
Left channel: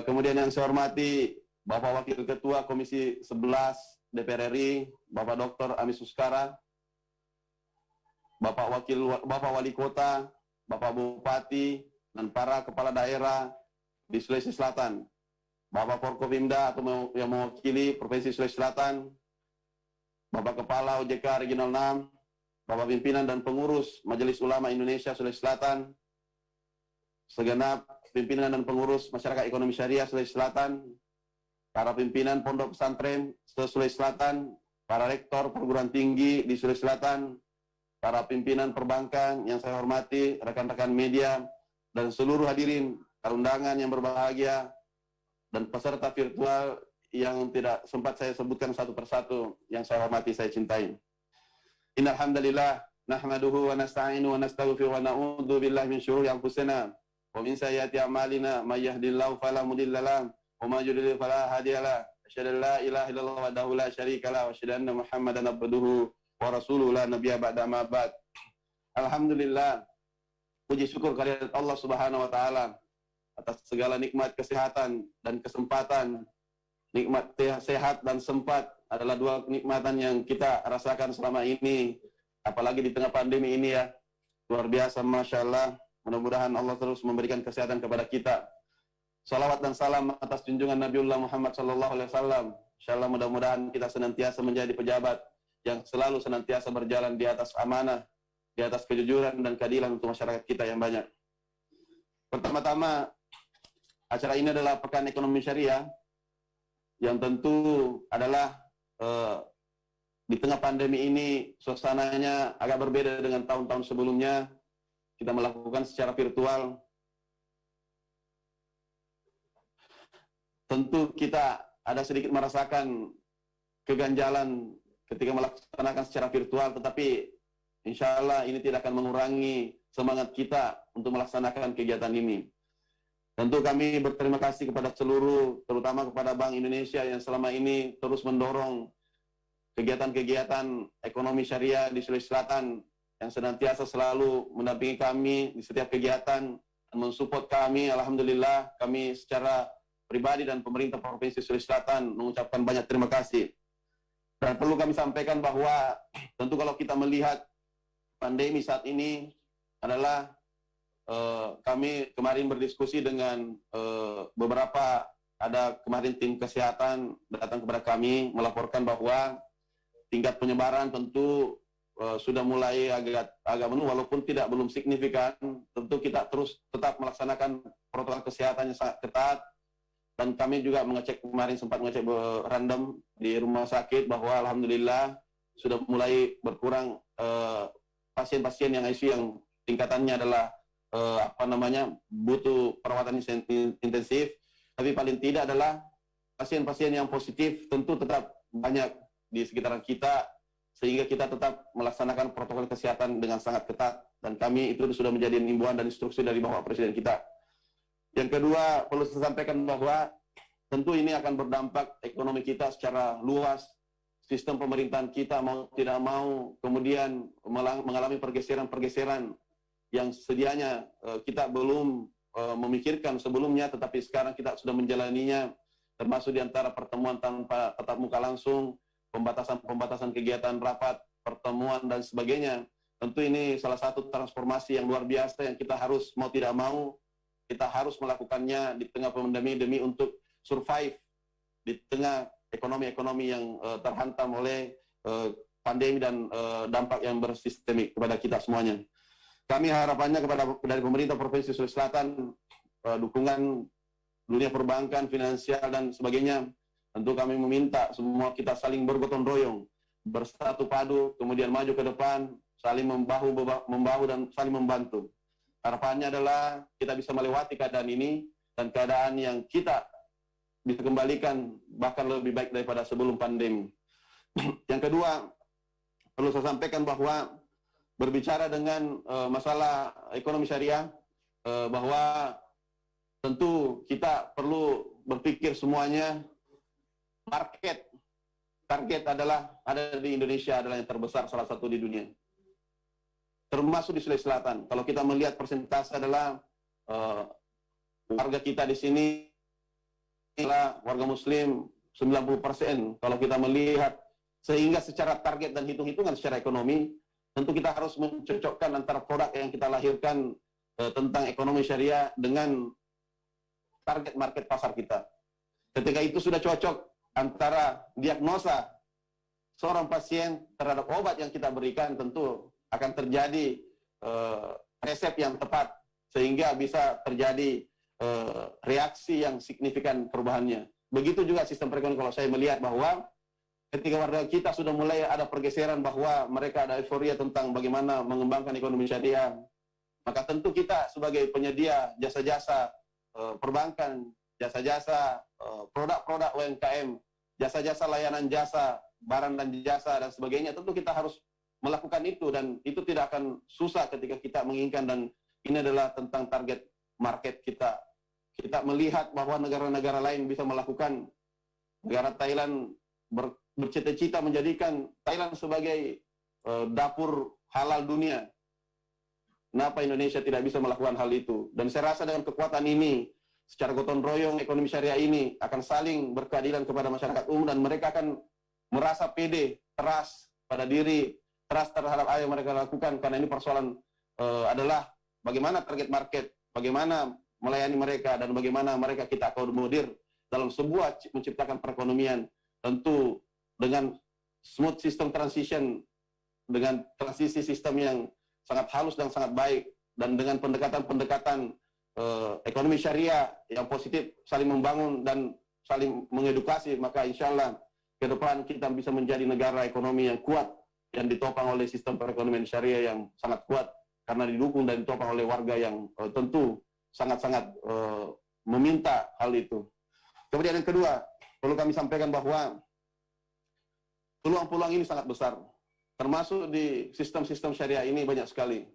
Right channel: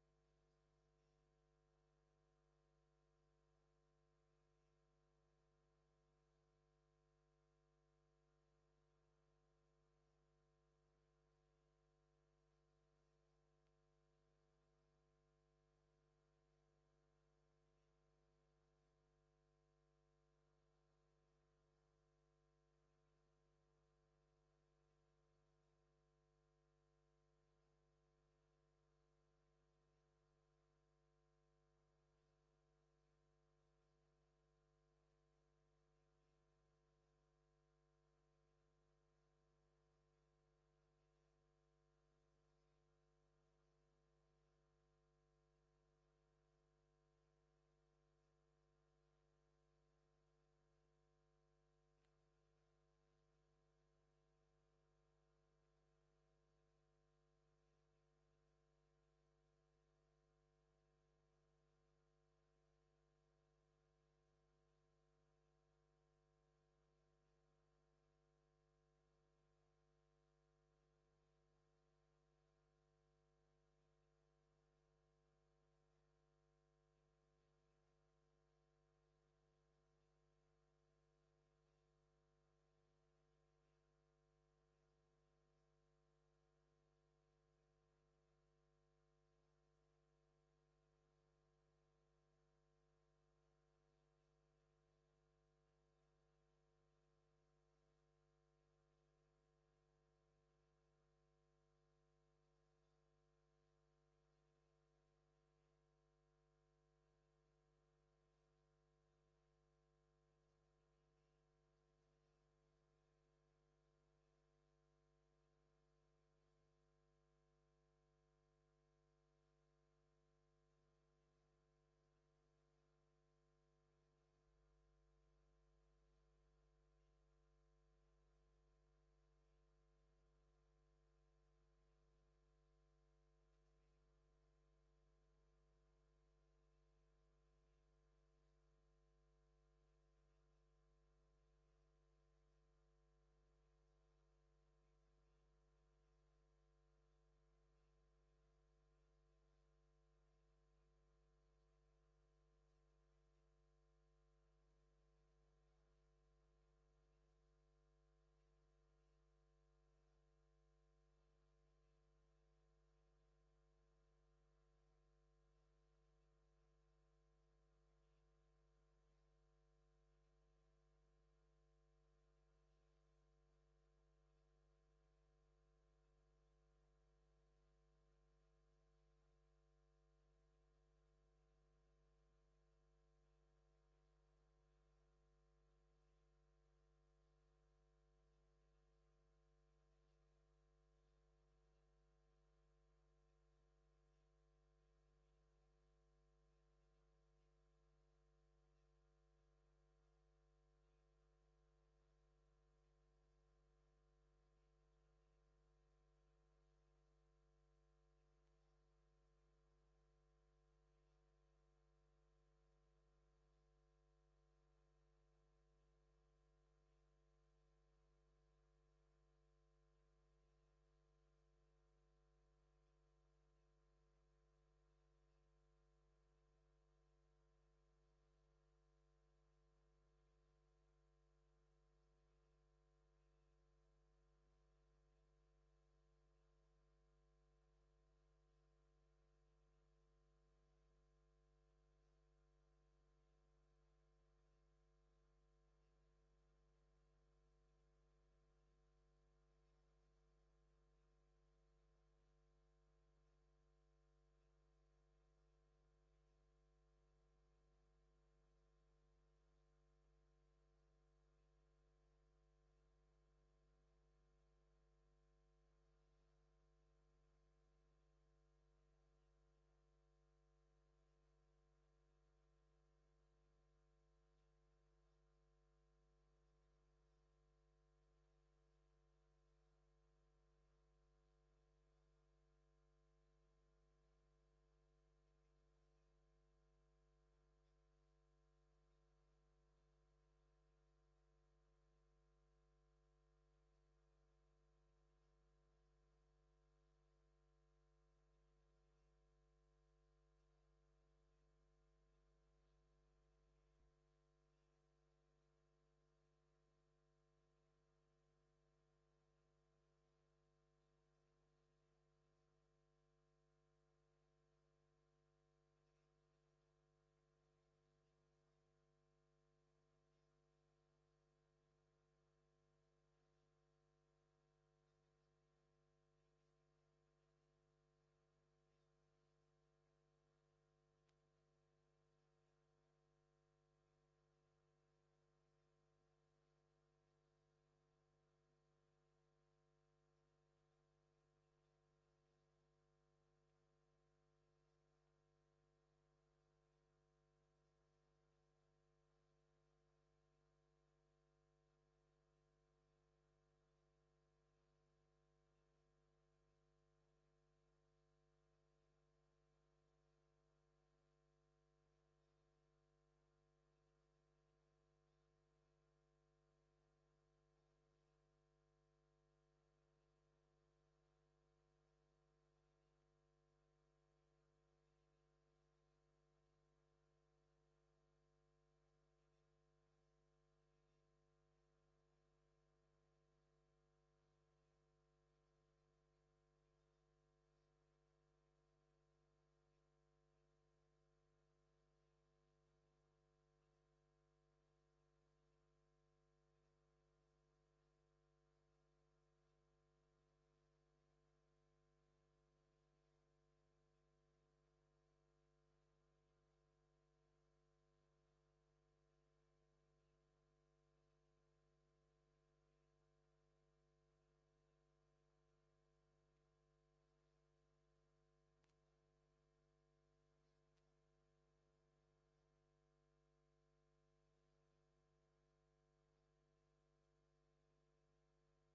Kemudian yang saya hormati Bapak Wakil Ketua Komisi 11 DPR RI, Bapak Dr. Amis Suskara, Bapak Wali Kota, Bapak Bupati, dan para kepala daerah di Sulawesi Selatan, Bapak Forkopimda atau yang mewakili Provinsi Sulawesi Selatan, Bapak Kepala OJK Regional 6, Bapak Pimpinan dan Pengurus Majelis Ulama Indonesia Sulawesi Selatan, segenap pimpinan dan pengurus Masyarakat Ekonomi Syariah Sulawesi Selatan, para pimpinan Pondok Pesantren Sulawesi Selatan, para rektor perguruan tinggi di Sulawesi Selatan, para pimpinan perbankan yang saya hormati, rekan-rekan media, dan seluruh hadirin undangan yang berbahagia, dan peserta virtual yang tidak sempat saya sebutkan satu persatu, yang saya hormati, saya cintai. Innal hamdalillah nahmaduhu wa nasta'inu wa nastaghfiruhu wa na'udzu billahi min syururi anfusina wa min sayyiati a'malina may yahdihillahu fala mudilla lahu wa may yudlil fala hadiya lahu. Asyhadu an la ilaha illallah wahdahu la syarika lahu wa asyhadu anna Muhammadan abduhu wa rasuluhu la nabiyya ba'da ma ba'd. Alhamdulillah, puji syukur kehadirat Allah Subhanahu wa taala atas segala nikmat kesehatan dan kesempatan. Nikmat sehat dan sempat adalah dua kenikmatan yang kita rasakan selama ini, apalagi di tengah pandemi ini ya. Luar biasa, Masya Allah. Mudah-mudahan Allah terus memberikan kesehatan kepada kita. Salawat dan salam atas junjungan Nabiullah Muhammad SAW. Insyaallah mudah-mudahan kita senantiasa menjadi pejabat yang selalu senantiasa berjalan di atas amanah, di atas kejujuran dan keadilan untuk masyarakat kita yang banyak. Pertama-tama, acara ini adalah Pekan Ekonomi Syariah, yang tentu adalah di tengah pandemi ini suasananya agak berbeda dengan tahun-tahun sebelumnya. Kita melakukan secara virtual. Tentu kita ada sedikit merasakan keganjalan ketika melaksanakan secara virtual, tetapi insya Allah ini tidak akan mengurangi semangat kita untuk melaksanakan kegiatan ini. Tentu kami berterima kasih kepada seluruh, terutama kepada Bank Indonesia yang selama ini terus mendorong kegiatan-kegiatan ekonomi syariah di Sulawesi Selatan, yang senantiasa selalu mendampingi kami di setiap kegiatan dan mensupport kami. Alhamdulillah, kami secara pribadi dan pemerintah Provinsi Sulawesi Selatan mengucapkan banyak terima kasih. Dan perlu kami sampaikan bahwa tentu kalau kita melihat pandemi saat ini adalah kami kemarin berdiskusi dengan beberapa, ada kemarin tim kesehatan datang kepada kami melaporkan bahwa tingkat penyebaran tentu sudah mulai agak menurun, walaupun belum signifikan. Tentu kita terus tetap melaksanakan protokol kesehatan yang sangat ketat, dan kami juga sempat mengecek random di rumah sakit bahwa alhamdulillah sudah mulai berkurang pasien-pasien yang ICU yang tingkatannya adalah butuh perawatan intensif. Tapi paling tidak adalah pasien-pasien yang positif tentu tetap banyak di sekitaran kita, sehingga kita tetap melaksanakan protokol kesehatan dengan sangat ketat, dan kami itu sudah menjadi himbauan dan instruksi dari Bapak Presiden kita. Yang kedua, perlu saya sampaikan bahwa tentu ini akan berdampak ekonomi kita secara luas. Sistem pemerintahan kita mau tidak mau kemudian mengalami pergeseran-pergeseran yang sedianya kita belum memikirkan sebelumnya, tetapi sekarang kita sudah menjalaninya, termasuk di antara pertemuan tanpa tatap muka langsung, pembatasan kegiatan rapat, pertemuan, dan sebagainya. Tentu ini salah satu transformasi yang luar biasa yang kita harus mau tidak mau, kita harus melakukannya di tengah pandemi demi untuk survive di tengah ekonomi yang terhantam oleh pandemi dan dampak yang bersistemik kepada kita semuanya. Kami harapannya dari pemerintah Provinsi Sulawesi Selatan, dukungan dunia perbankan, finansial, dan sebagainya. Tentu kami meminta semua kita saling bergotong royong, bersatu padu, kemudian maju ke depan, saling membahu dan saling membantu. Harapannya adalah kita bisa melewati keadaan ini, dan keadaan yang kita bisa kembalikan bahkan lebih baik daripada sebelum pandemi. Yang kedua, perlu saya sampaikan bahwa berbicara dengan masalah ekonomi syariah, bahwa tentu kita perlu berpikir semuanya, target adalah ada di Indonesia adalah yang terbesar salah satu di dunia, termasuk di Sulawesi Selatan. Kalau kita melihat persentase adalah warga kita di sini adalah warga Muslim 90%. Kalau kita melihat, sehingga secara target dan hitung-hitungan secara ekonomi, tentu kita harus mencocokkan antara produk yang kita lahirkan tentang ekonomi syariah dengan target market pasar kita. Ketika itu sudah cocok antara diagnosa seorang pasien terhadap obat yang kita berikan, tentu akan terjadi resep yang tepat, sehingga bisa terjadi reaksi yang signifikan perubahannya. Begitu juga sistem perekonomian. Kalau saya melihat bahwa ketika warga kita sudah mulai ada pergeseran bahwa mereka ada euforia tentang bagaimana mengembangkan ekonomi syariah, maka tentu kita sebagai penyedia jasa-jasa perbankan, jasa-jasa produk-produk UMKM, jasa-jasa layanan jasa, barang dan jasa dan sebagainya, tentu kita harus melakukan itu, dan itu tidak akan susah ketika kita menginginkan. Dan ini adalah tentang target market kita. Kita melihat bahwa negara-negara lain bisa melakukan. Negara Thailand bercita-cita menjadikan Thailand sebagai dapur halal dunia. Kenapa Indonesia tidak bisa melakukan hal itu? Dan saya rasa dengan kekuatan ini, secara gotong royong ekonomi syariah ini akan saling berkeadilan kepada masyarakat umum, dan mereka akan merasa pede, trust pada diri, trust terhadap apa yang mereka lakukan, karena ini persoalan adalah bagaimana target market, bagaimana melayani mereka, dan bagaimana mereka kita akomodir dalam sebuah menciptakan perekonomian, tentu dengan smooth system transition, dengan transisi sistem yang sangat halus dan sangat baik, dan dengan pendekatan-pendekatan ekonomi syariah yang positif, saling membangun dan saling mengedukasi, maka insya Allah ke depan kita bisa menjadi negara ekonomi yang kuat, yang ditopang oleh sistem perekonomian syariah yang sangat kuat, karena didukung dan ditopang oleh warga yang tentu sangat-sangat meminta hal itu. Kemudian yang kedua, perlu kami sampaikan bahwa peluang-peluang ini sangat besar, termasuk di sistem-sistem syariah ini banyak sekali,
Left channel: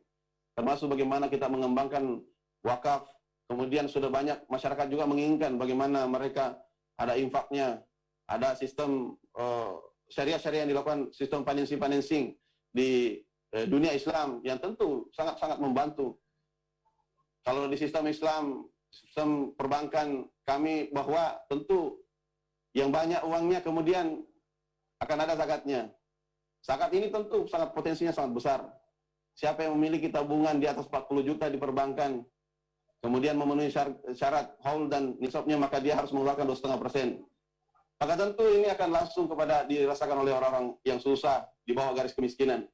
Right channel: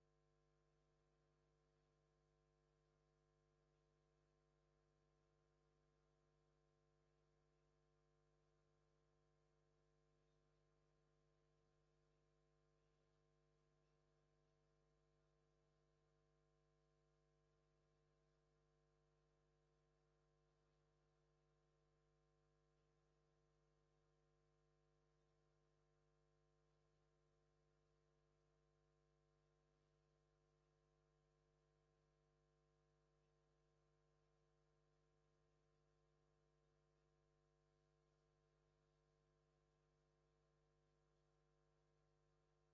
termasuk bagaimana kita mengembangkan wakaf, Kemudian sudah banyak masyarakat juga menginginkan bagaimana mereka ada infaknya, ada sistem syariah-syariah yang dilakukan, sistem financing di dunia Islam yang tentu sangat-sangat membantu. Kalau di sistem Islam, sistem perbankan kami bahwa tentu yang banyak uangnya kemudian akan ada zakatnya. Zakat ini tentu sangat potensinya sangat besar. Siapa yang memiliki tabungan di atas 40 juta di perbankan, kemudian memenuhi syarat haul dan nisabnya, maka dia harus mengeluarkan 2,5%. Maka tentu ini akan langsung kepada dirasakan oleh orang-orang yang susah di bawah garis kemiskinan.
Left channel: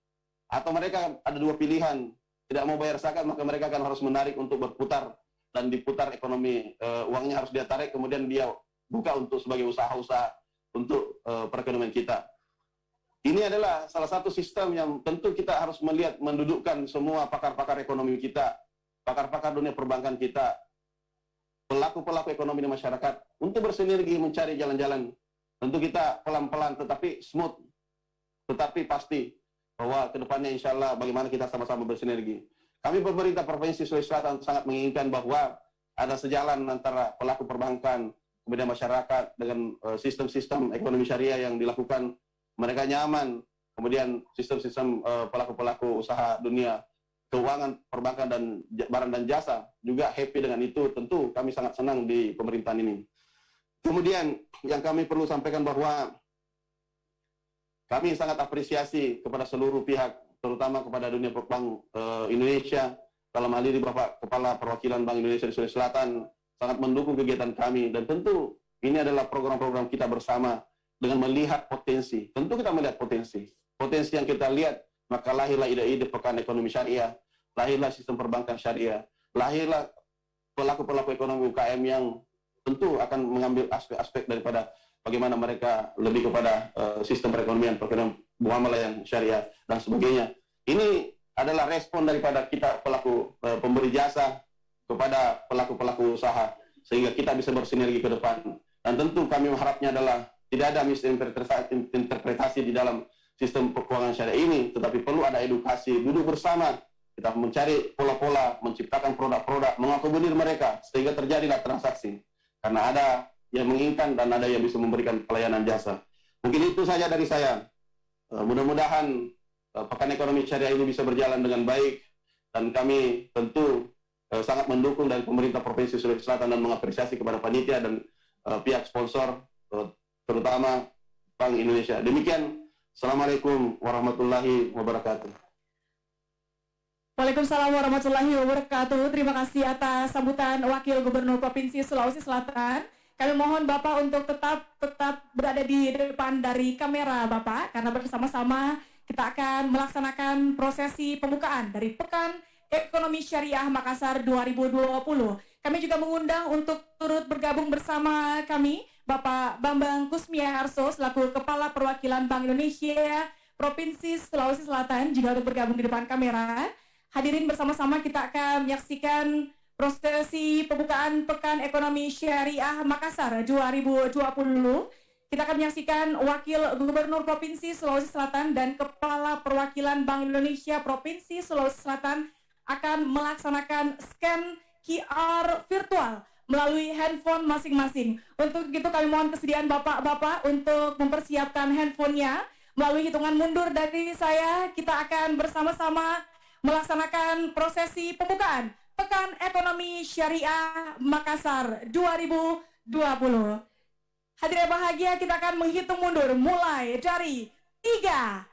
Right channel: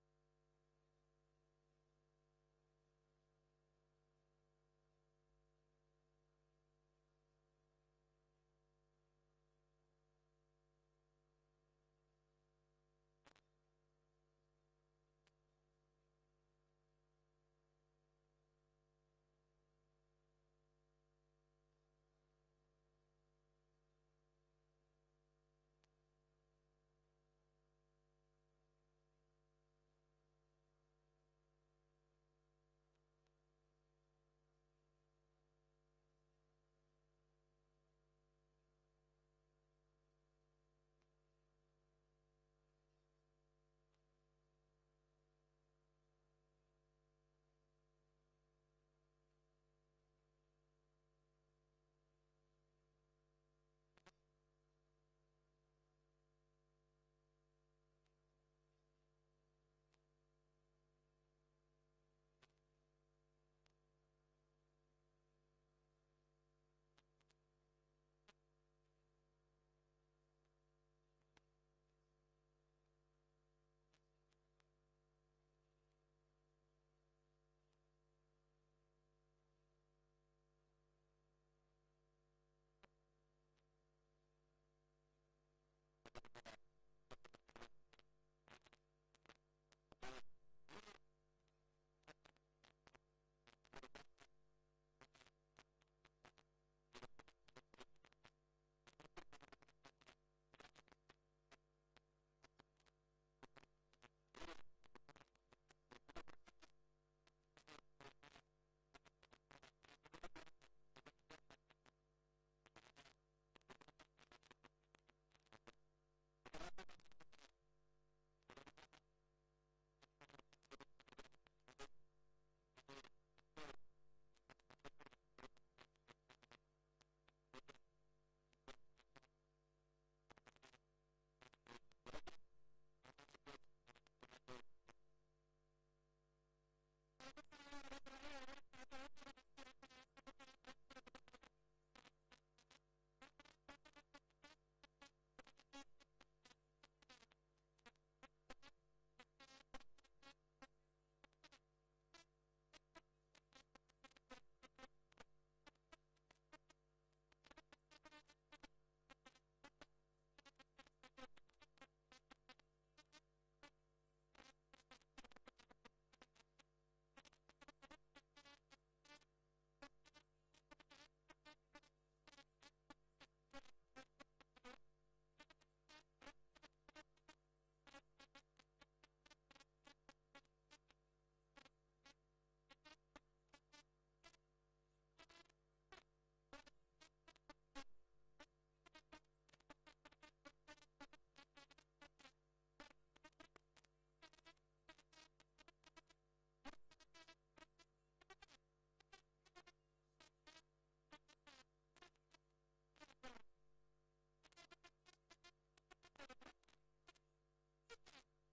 Atau mereka ada dua pilihan, tidak mau bayar zakat, maka mereka akan harus menarik untuk berputar dan diputar ekonomi, uangnya harus dia tarik, kemudian dia buka untuk sebagai usaha-usaha untuk perekonomian kita. Ini adalah salah satu sistem yang tentu kita harus melihat, mendudukkan semua pakar-pakar ekonomi kita, pakar-pakar dunia perbankan kita, pelaku-pelaku ekonomi di masyarakat untuk bersinergi mencari jalan-jalan. Tentu kita pelan-pelan tetapi smooth, tetapi pasti bahwa kedepannya insya Allah bagaimana kita sama-sama bersinergi. Kami pemerintah Provinsi Sulawesi Selatan sangat menginginkan bahwa ada sejalan antara pelaku perbankan, kemudian masyarakat dengan sistem-sistem ekonomi syariah yang dilakukan, mereka nyaman, kemudian sistem-sistem pelaku-pelaku usaha dunia keuangan, perbankan, dan barang dan jasa juga happy dengan itu. Tentu kami sangat senang di pemerintahan ini. Kemudian yang kami perlu sampaikan bahwa kami sangat apresiasi kepada seluruh pihak, terutama kepada dunia Bank Indonesia, dalam hal ini Bapak Kepala Perwakilan Bank Indonesia di Sulawesi Selatan sangat mendukung kegiatan kami, dan tentu ini adalah program-program kita bersama dengan melihat potensi. Tentu kita melihat potensi yang kita lihat, maka lahirlah ide-ide pekan ekonomi syariah, lahirlah sistem perbankan syariah, lahirlah pelaku-pelaku ekonomi UKM yang tentu akan mengambil aspek-aspek daripada bagaimana mereka lebih kepada sistem perekonomian muamalah yang syariah dan sebagainya. Ini adalah respon daripada kita pelaku pemberi jasa kepada pelaku-pelaku usaha, sehingga kita bisa bersinergi ke depan. Dan tentu kami mengharapnya adalah tidak ada misinterpretasi di dalam sistem keuangan syariah ini, tetapi perlu ada edukasi, duduk bersama, kita mencari pola-pola, menciptakan produk-produk, mengakomodir mereka, sehingga terjadilah transaksi. Karena ada yang menginginkan dan ada yang bisa memberikan pelayanan jasa. Mungkin itu saja dari saya. Mudah-mudahan pekan ekonomi syariah ini bisa berjalan dengan baik, dan kami tentu sangat mendukung dari pemerintah Provinsi Sulawesi Selatan dan mengapresiasi kepada panitia dan pihak sponsor, terutama Bank Indonesia. Demikian, Assalamualaikum warahmatullahi wabarakatuh. Waalaikumsalam warahmatullahi wabarakatuh. Terima kasih atas sambutan Wakil Gubernur Provinsi Sulawesi Selatan. Kami mohon Bapak untuk tetap berada di depan dari kamera Bapak, karena bersama-sama kita akan melaksanakan prosesi pembukaan dari Pekan Ekonomi Syariah Makassar 2020. Kami juga mengundang untuk turut bergabung bersama kami Bapak Bambang Kusmiarso selaku Kepala Perwakilan Bank Indonesia Provinsi Sulawesi Selatan juga untuk bergabung di depan kamera. Hadirin bersama-sama kita akan menyaksikan prosesi pembukaan Pekan Ekonomi Syariah Makassar 2020. Kita akan menyaksikan Wakil Gubernur Provinsi Sulawesi Selatan dan Kepala Perwakilan Bank Indonesia Provinsi Sulawesi Selatan akan melaksanakan scan QR virtual melalui handphone masing-masing. Untuk itu kami mohon kesediaan Bapak-Bapak untuk mempersiapkan handphonenya. Melalui hitungan mundur dari saya, kita akan bersama-sama melaksanakan prosesi pembukaan Pekan Ekonomi Syariah Makassar 2020. Hadirin bahagia, kita akan menghitung mundur mulai dari 3,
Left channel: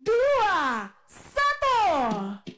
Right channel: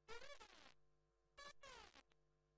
2, 1.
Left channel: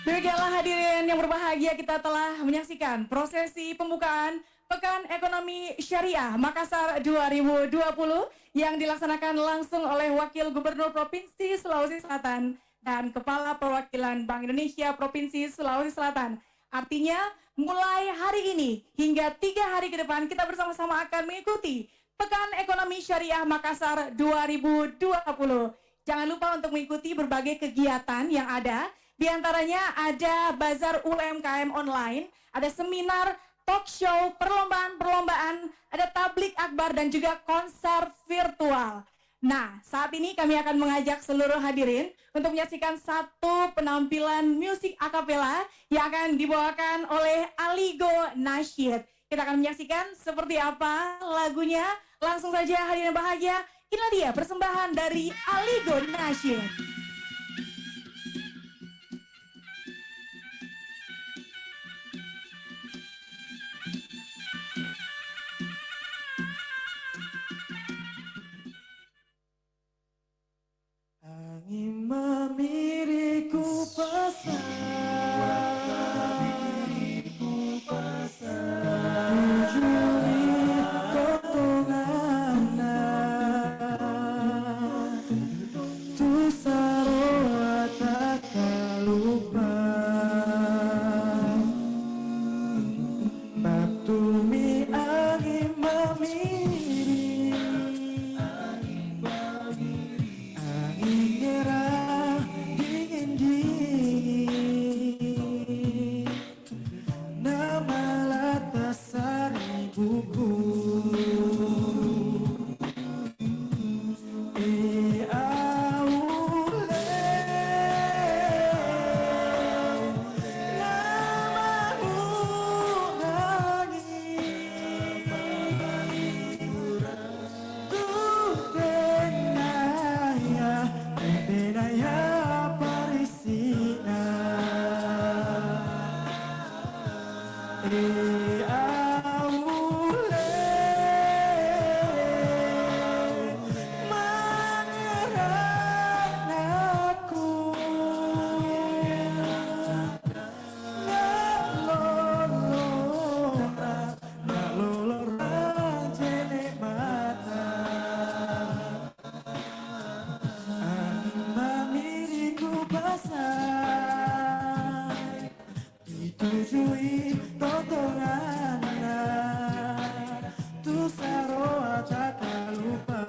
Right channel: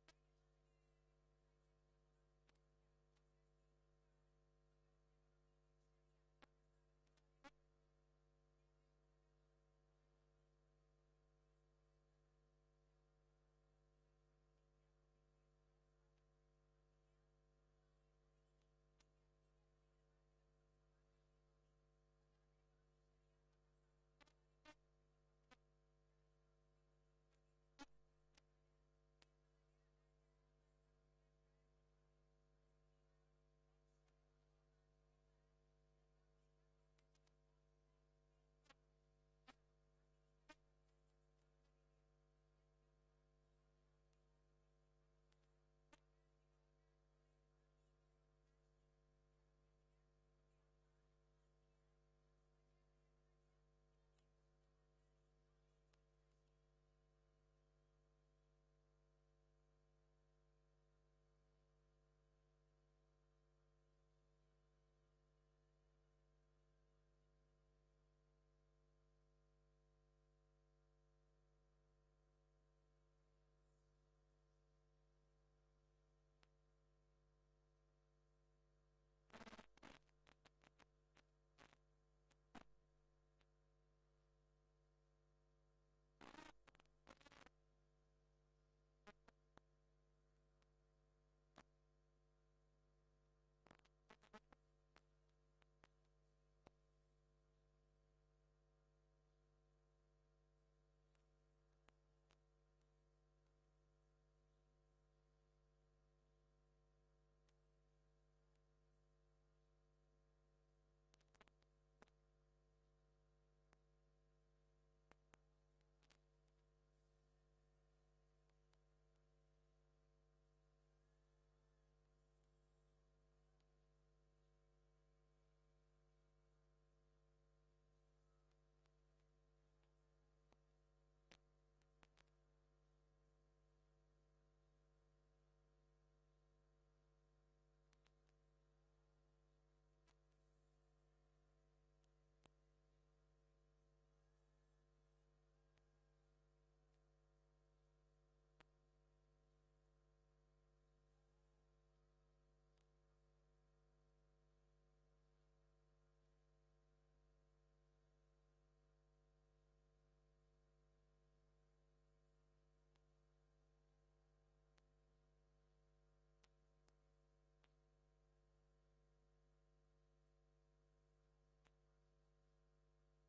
Demikianlah hadirin yang berbahagia, kita telah menyaksikan prosesi pembukaan Pekan Ekonomi Syariah Makassar 2020 yang dilaksanakan langsung oleh Wakil Gubernur Provinsi Sulawesi Selatan dan Kepala Perwakilan Bank Indonesia Provinsi Sulawesi Selatan. Artinya mulai hari ini hingga 3 hari ke depan kita bersama-sama akan mengikuti Pekan Ekonomi Syariah Makassar 2020. Jangan lupa untuk mengikuti berbagai kegiatan yang ada. Di antaranya ada bazar UMKM online, ada seminar, talk show, perlombaan-perlombaan, ada tablik akbar dan juga konser virtual. Nah, saat ini kami akan mengajak seluruh hadirin untuk menyaksikan satu penampilan musik akapela yang akan dibawakan oleh Aligo Nasyid. Kita akan menyaksikan seperti apa lagunya. Langsung saja hadirin bahagia, inilah dia persembahan dari Aligo Nasyid. Angin memiriku pasang, Ujuri potongan, Tusa setujui tontonganna tu saroa tak lupa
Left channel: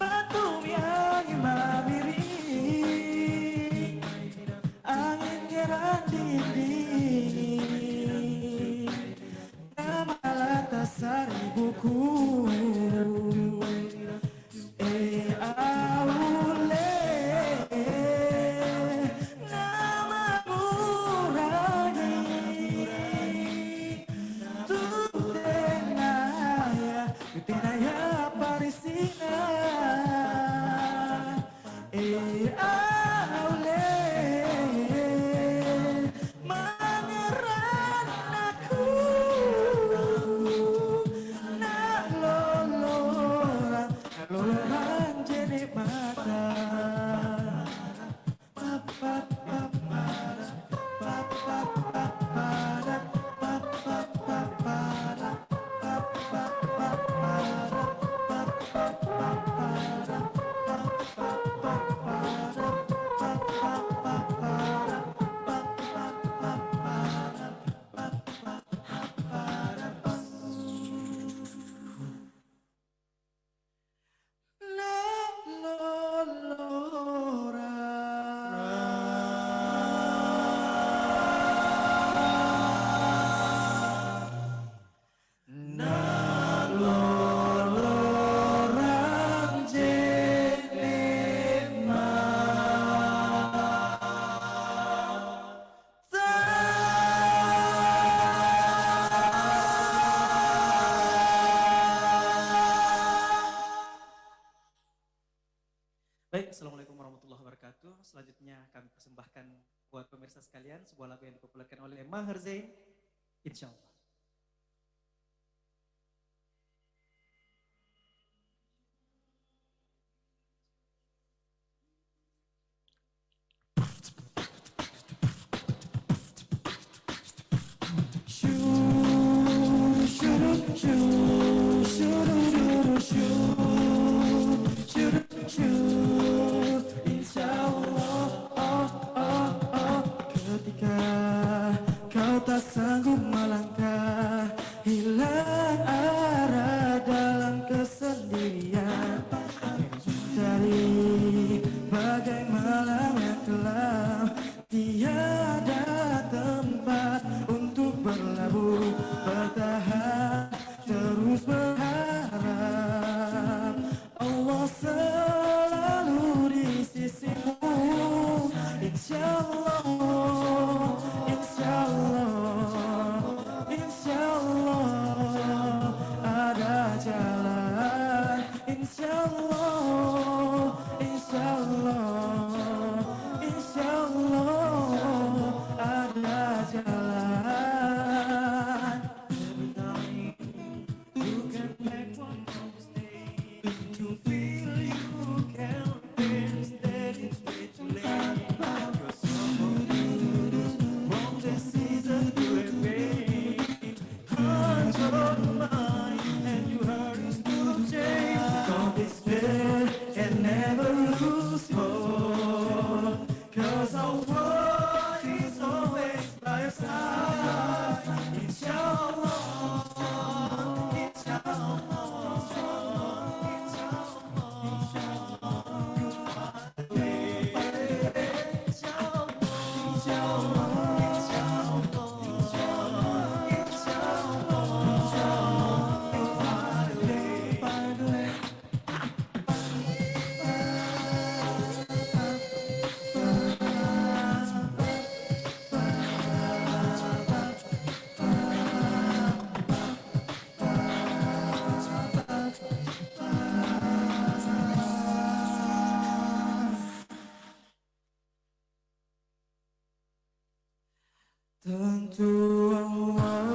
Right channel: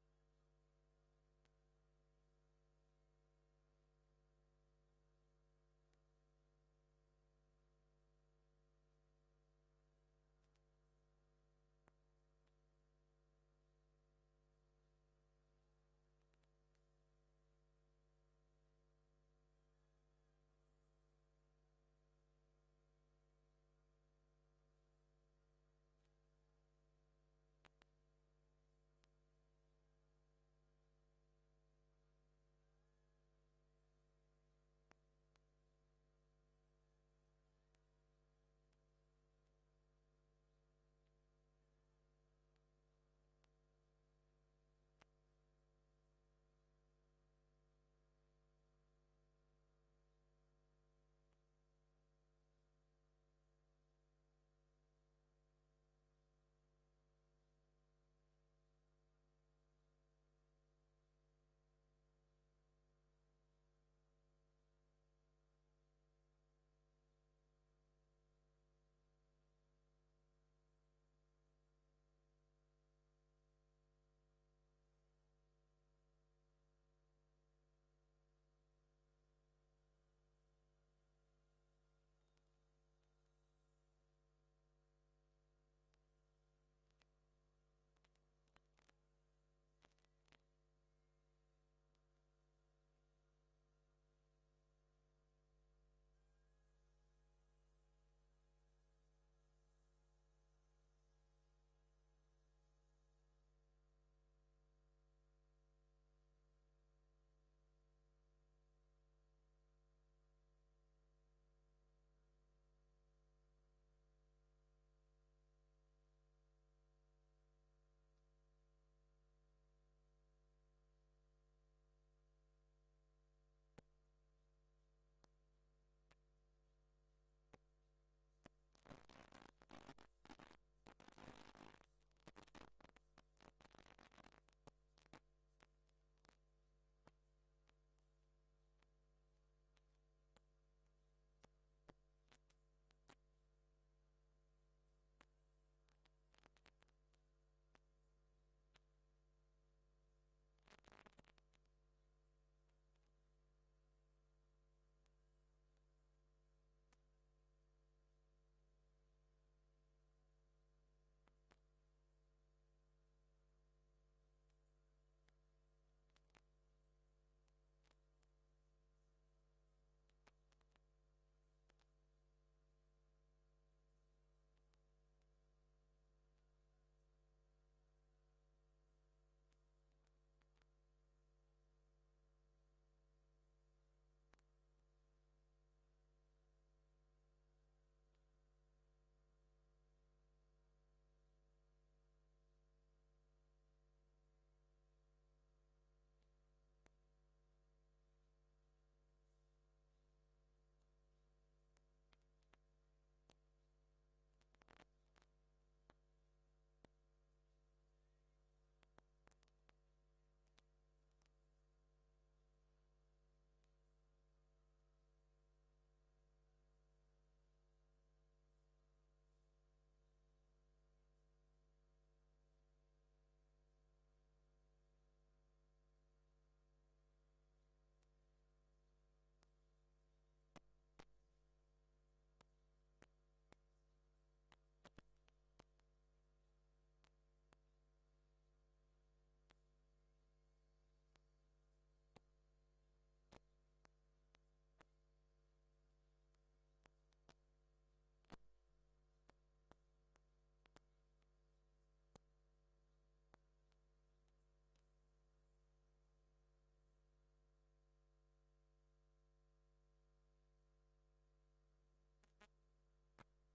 batu yang mamiri angin gerak dinding nama lata sari buku aule nama murani tutenaya parisina aule mangeran aku nak loloran jadi mata Baik, Assalamualaikum warahmatullahi wabarakatuh. Selanjutnya kami persembahkan buat pemirsa sekalian sebuah lagu yang dipopulerkan oleh Maher Zain, Insyaallah. Ketika kau tak sanggup melangkah, hilang arah dalam kesendirian, dari bagai malam yang kelam, tiada tempat untuk berlabuh, bertahan, terus berharap Allah selalu di sisimu. Insyaallah, insyaallah, insyaallah ada jalan. Insyaallah, insyaallah, insyaallah ada jalan. Every time you can make one mistake, to feel you can feel that it's way too late. Control your mind and you hurt us to change. Don't despair and never lose hope, 'cause our world is always by your side. Inshallah, inshallah, tentu Allah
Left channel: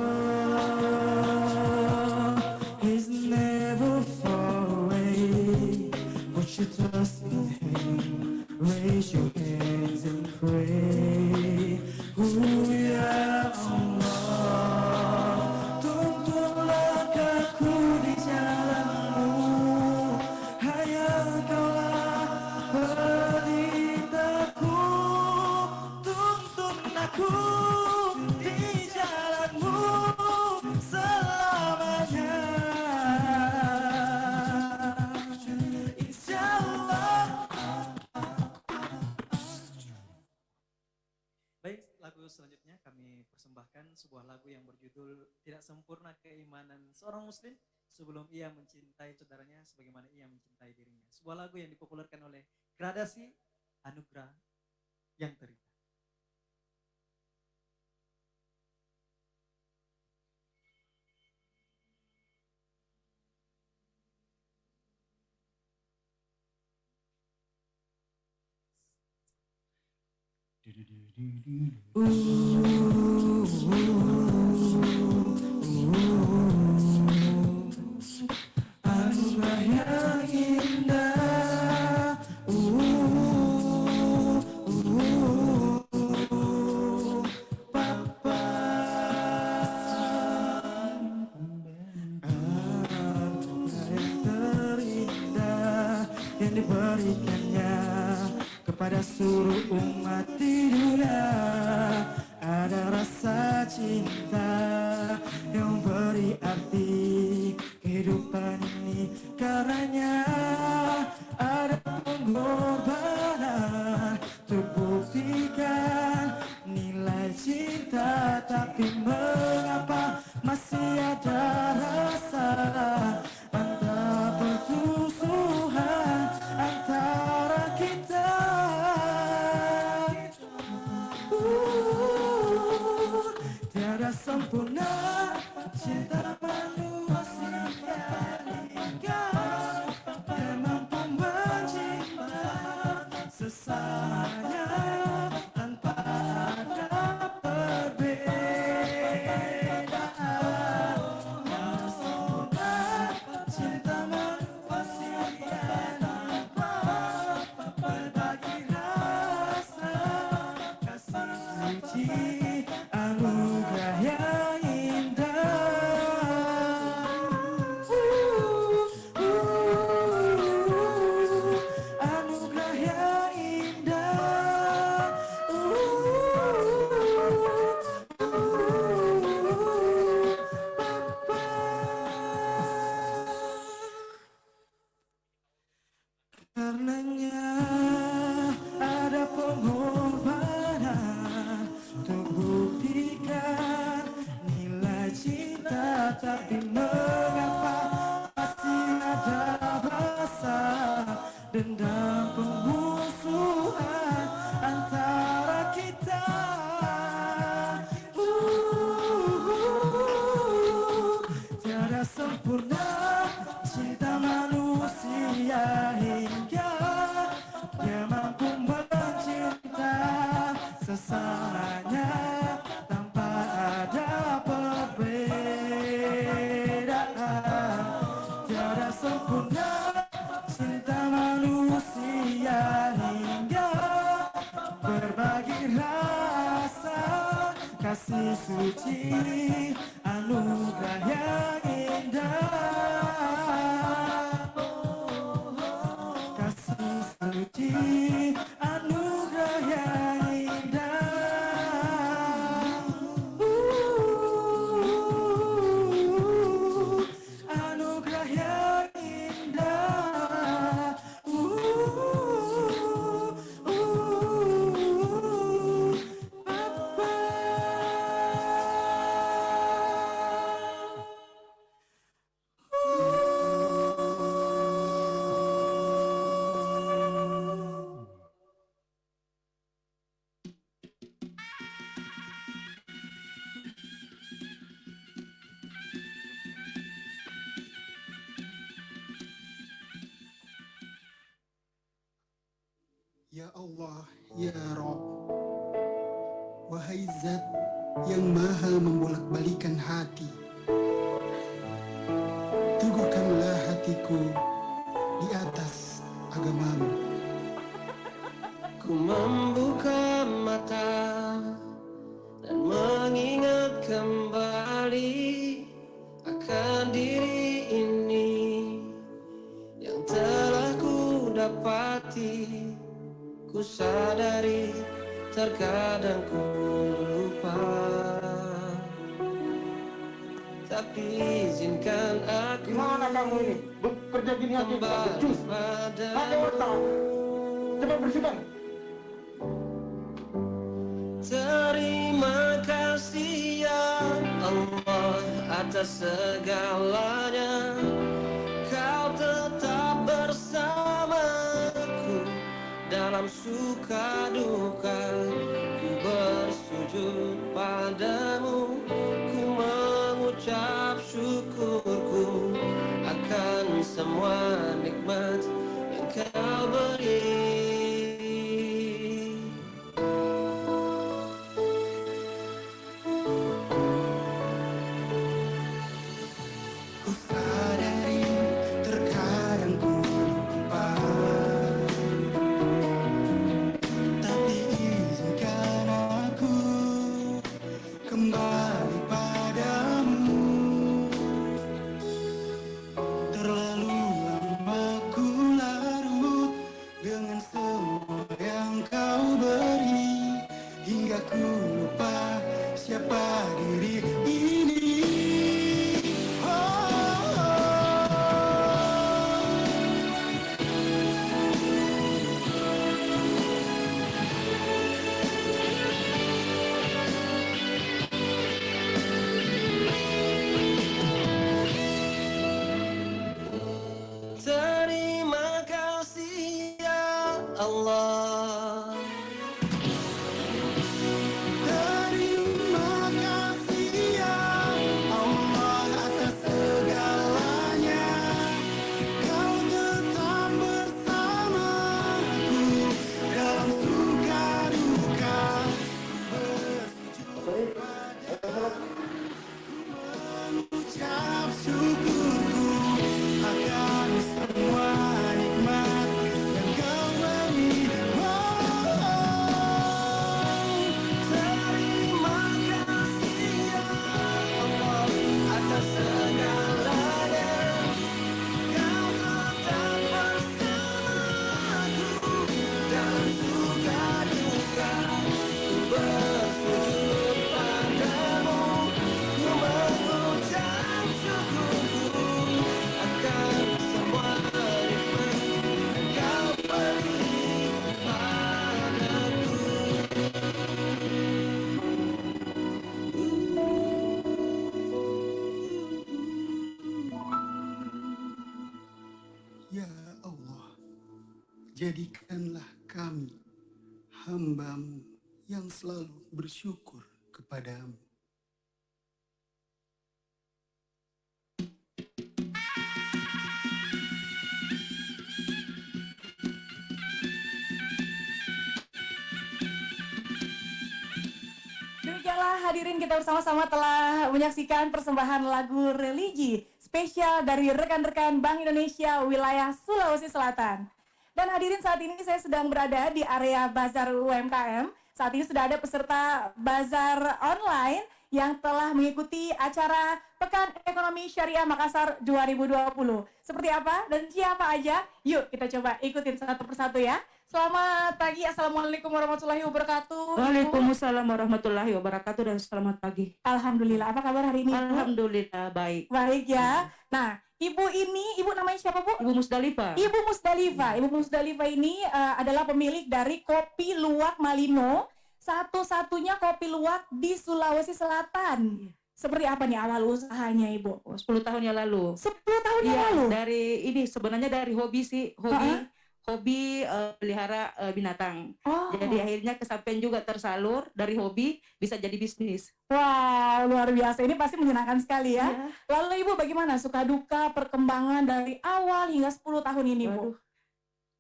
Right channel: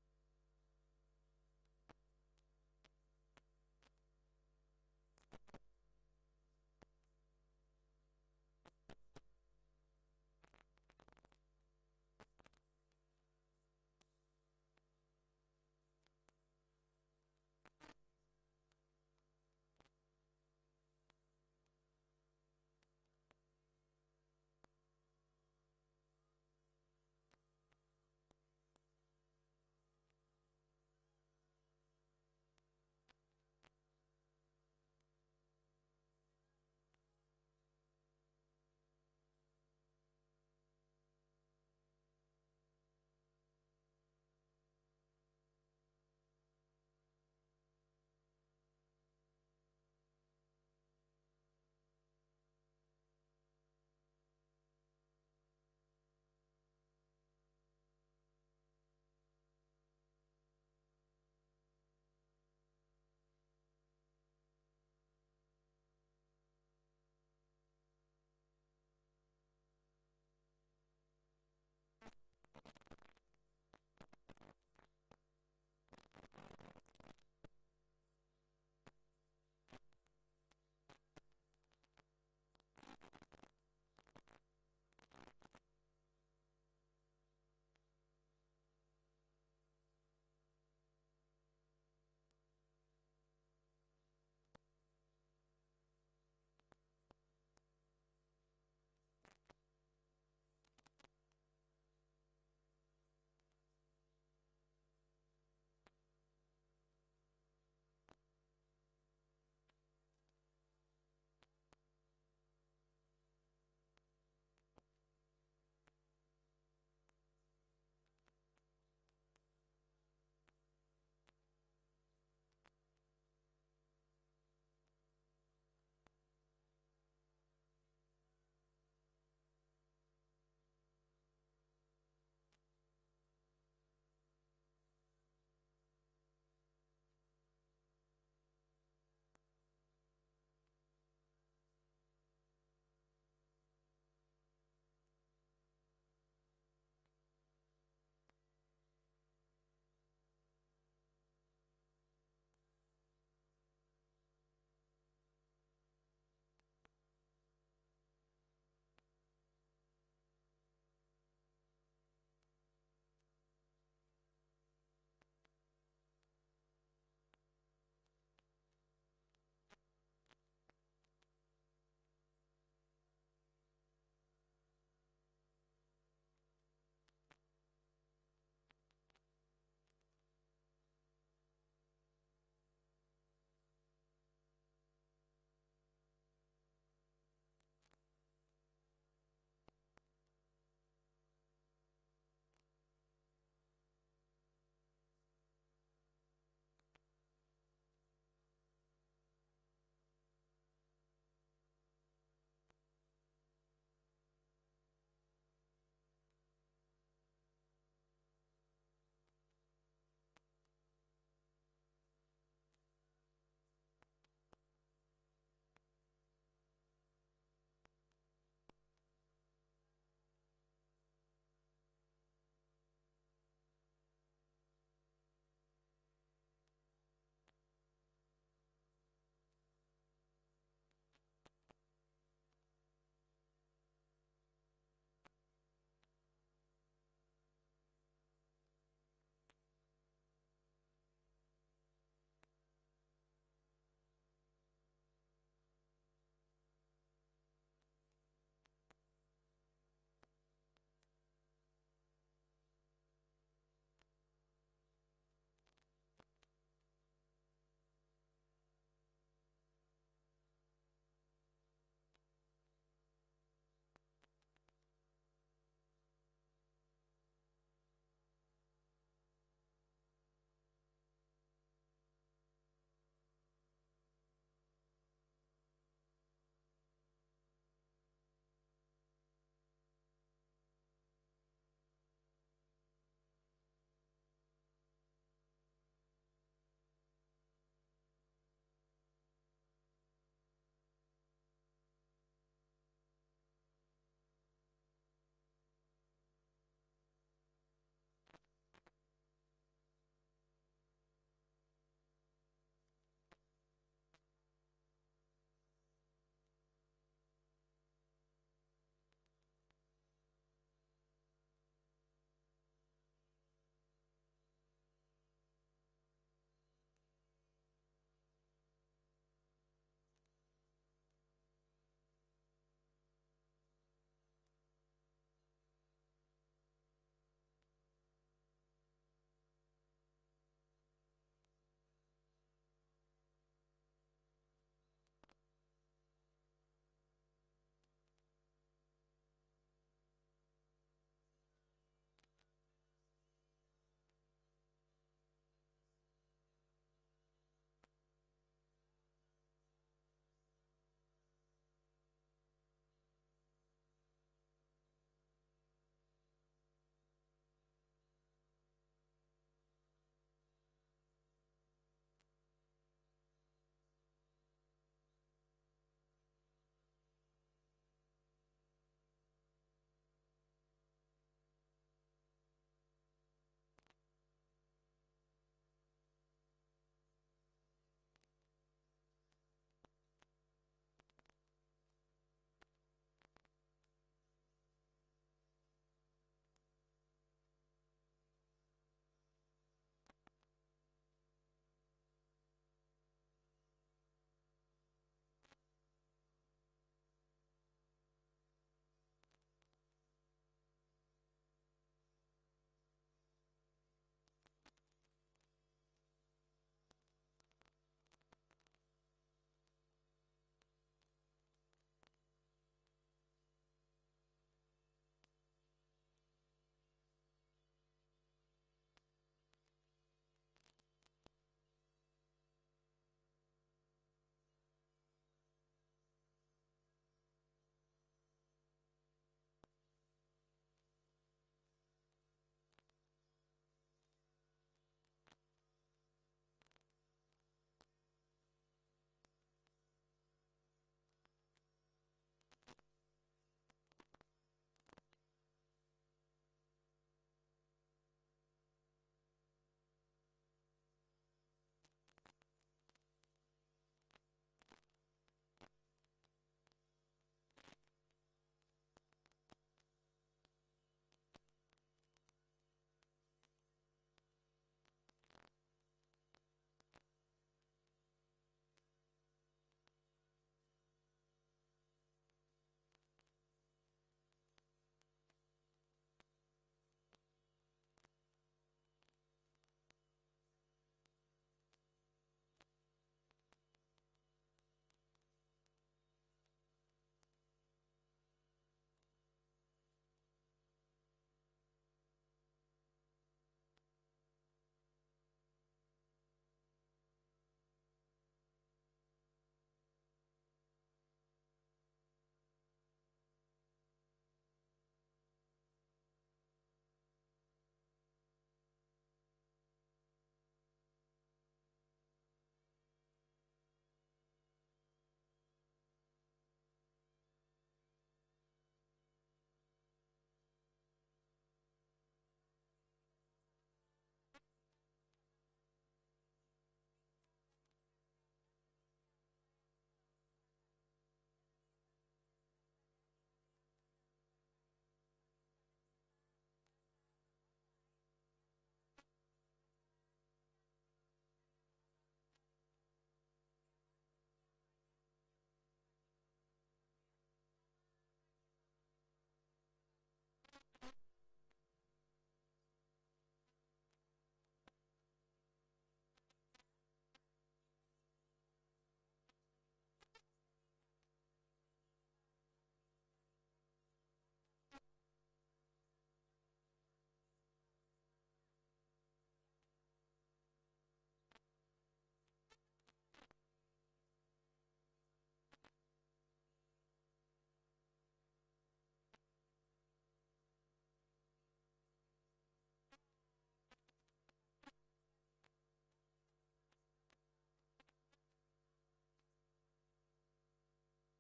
is never far away. Put your trust in Him, raise your hands and pray. Ya Allah, tuntunlah aku di jalanmu, hanya Engkaulah pelitaku, tuntun aku seorang muslim sebelum ia mencintai saudaranya sebagaimana ia mencintai dirinya. Sebuah lagu yang dipopulerkan oleh Gradasi, Anugerah yang Terindah. Anugerah yang indah, Papa. Anugerah yang terindah yang diberikannya kepada seluruh umat di dunia. Ada rasa cinta yang beri arti kehidupan ini, karenanya ada pengorbanan terbuktikan nilai cinta. Tapi mengapa masih ada rasa antara permusuhan antara kita? Tiada sempurna cinta manusia hingga dia mampu mencinta sesamanya tanpa ada perbedaan. Tiada sempurna cinta manusia hingga berbagi rasa kasih suci. Anugerah yang anugerah yang indah, karenanya ada pengorbanan terbuktikan nilai cinta. Tapi mengapa masih ada rasa dendam permusuhan antara kita? Tiada sempurna cinta manusia hingga dia mampu mencinta sesamanya tanpa ada perbedaan. Tiada sempurna cinta manusia hingga berbagi rasa kasih suci. Anugerah yang indah, kasih suci. Anugerah yang indah, anugerah yang indah, Papa. Ya Allah, Ya Rabb, wahai Zat yang maha membolak-balikan hati, teguhkanlah hatiku di atas agamamu. Ku membuka mata dan mengingat kembali akan diri ini yang telah ku dapati. Ku sadari terkadang ku lupa, tapi izinkan aku Gimana kamu ini? Bekerja gini aja, kembali becus. Pakai otak. padamu. Coba bersihkan. Terima kasih ya Allah atas atas segalanya, kau tetap bersamaku dalam suka duka. Ku bersujud padamu, ku mengucap syukurku akan semua nikmat yang kau beri. Ku sadari terkadang ku lupa, tapi izinkan aku kembali padamu. Terlalu lama ku larut dengan semua yang kau beri, hingga ku lupa siapa diri ini. Terima kasih ya Allah. Terima kasih ya Allah atas segalanya, kau tetap bersamaku dalam suka duka. Bersujud padamu, mengucap syukurku akan semua nikmat yang kau beri. Terima kasih ya Allah atas segalanya, kau tetap bersamaku dalam suka duka. Ku bersujud padamu, ku mengucap syukurku akan semua nikmat yang kau beri padaku. Ya Allah, jadikanlah kami hamba-Mu yang selalu bersyukur kepadamu. Demikianlah hadirin, kita bersama-sama telah menyaksikan persembahan lagu religi spesial dari rekan-rekan Bank Indonesia wilayah Sulawesi Selatan. Dan hadirin, saat ini saya sedang berada di area Bazar UMKM. Saat ini sudah ada peserta Bazar online yang telah mengikuti acara Pekan Ekonomi Syariah Makassar 2020. Seperti apa dan siapa aja? Yuk kita coba ikutin satu persatu ya. Selamat pagi, Assalamualaikum warahmatullahi wabarakatuh. Waalaikumsalam warahmatullahi wabarakatuh dan selamat pagi. Alhamdulillah, apa kabar hari ini, Bu? Alhamdulillah baik. Baik ya. Nah, Ibu namanya siapa, Bu? Ibu Musdalifah. Ibu Musdalifah. Ibu Musdalifah ini adalah pemilik dari Kopi Luwak Malino, satu-satunya kopi luwak di Sulawesi Selatan. Seperti apa nih awal usahanya, Ibu? 10 tahun yang lalu. 10 tahun yang Iya, lalu? dari ini sebenarnya dari hobi sih, hobi pelihara binatang. Oh. Jadi akhirnya kesampaian juga tersalur dari hobi bisa jadi bisnis. Wow, luar biasa. Ini pasti menyenangkan sekali ya. Iya. Lalu Ibu bagaimana suka duka perkembangan dari awal hingga 10 tahun ini, Bu? Waduh,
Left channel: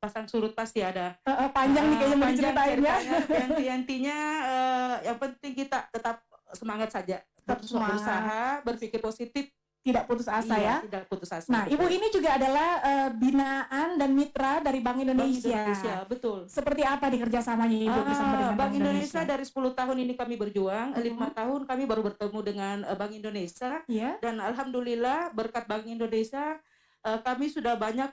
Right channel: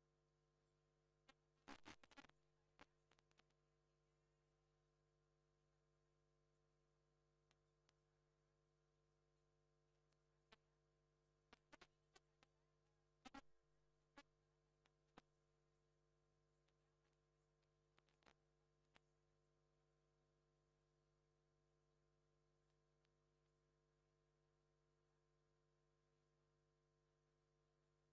pasang surut pasti ada. Panjang nih kayaknya mau Panjang diceritain ya. ceritanya. Intinya yang penting kita tetap semangat saja. Tetap Terus semangat. berusaha, berpikir positif. Tidak putus asa Iya, ya. tidak putus asa. Nah, betul. Ibu ini juga adalah binaan dan mitra dari Bank Bank Indonesia. Indonesia, betul. Seperti apa nih kerjasamanya Ibu bersama dengan Bank Indonesia dari 10 tahun ini kami berjuang, 5 tahun kami baru bertemu dengan Bank Indonesia, Iya. dan alhamdulillah berkat Bank Indonesia kami sudah banyak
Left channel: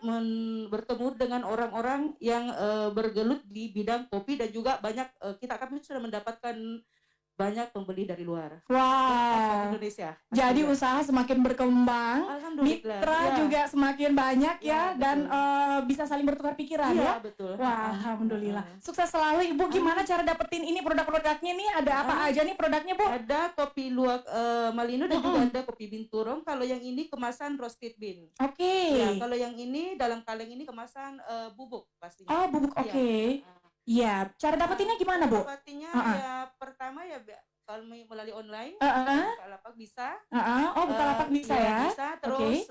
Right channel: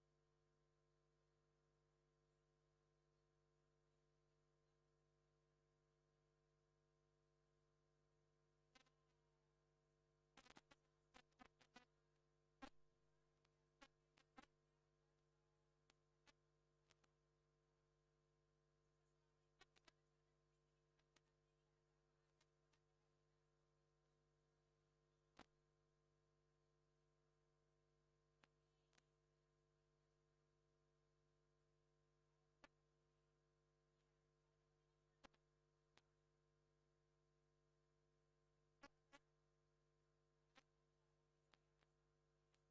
bertemu dengan orang-orang yang bergelut di bidang kopi, dan juga banyak kami sudah mendapatkan banyak pembeli dari luar. Wow. Indonesia. Jadi Alhamdulillah. usaha semakin berkembang, Alhamdulillah. mitra Ya. juga semakin banyak ya, Ya, dan betul. bisa saling bertukar pikiran Iya, ya. betul. Wah, alhamdulillah. Sukses selalu Ibu. Gimana cara dapetin ini produk-produknya nih? Ada apa aja nih produknya, Bu? Ada kopi luwak Malino dan juga ada kopi binturong. Kalau yang ini kemasan roasted bean. Oke. Ya, kalau yang ini dalam kaleng ini kemasan bubuk pastinya. Oh, bubuk. Iya. Oke. Iya, cara dapetinnya gimana, Bu? Dapetinnya ya pertama ya kalau melalui online, Bukalapak bisa. Oh, Bukalapak bisa Iya, ya. bisa. Terus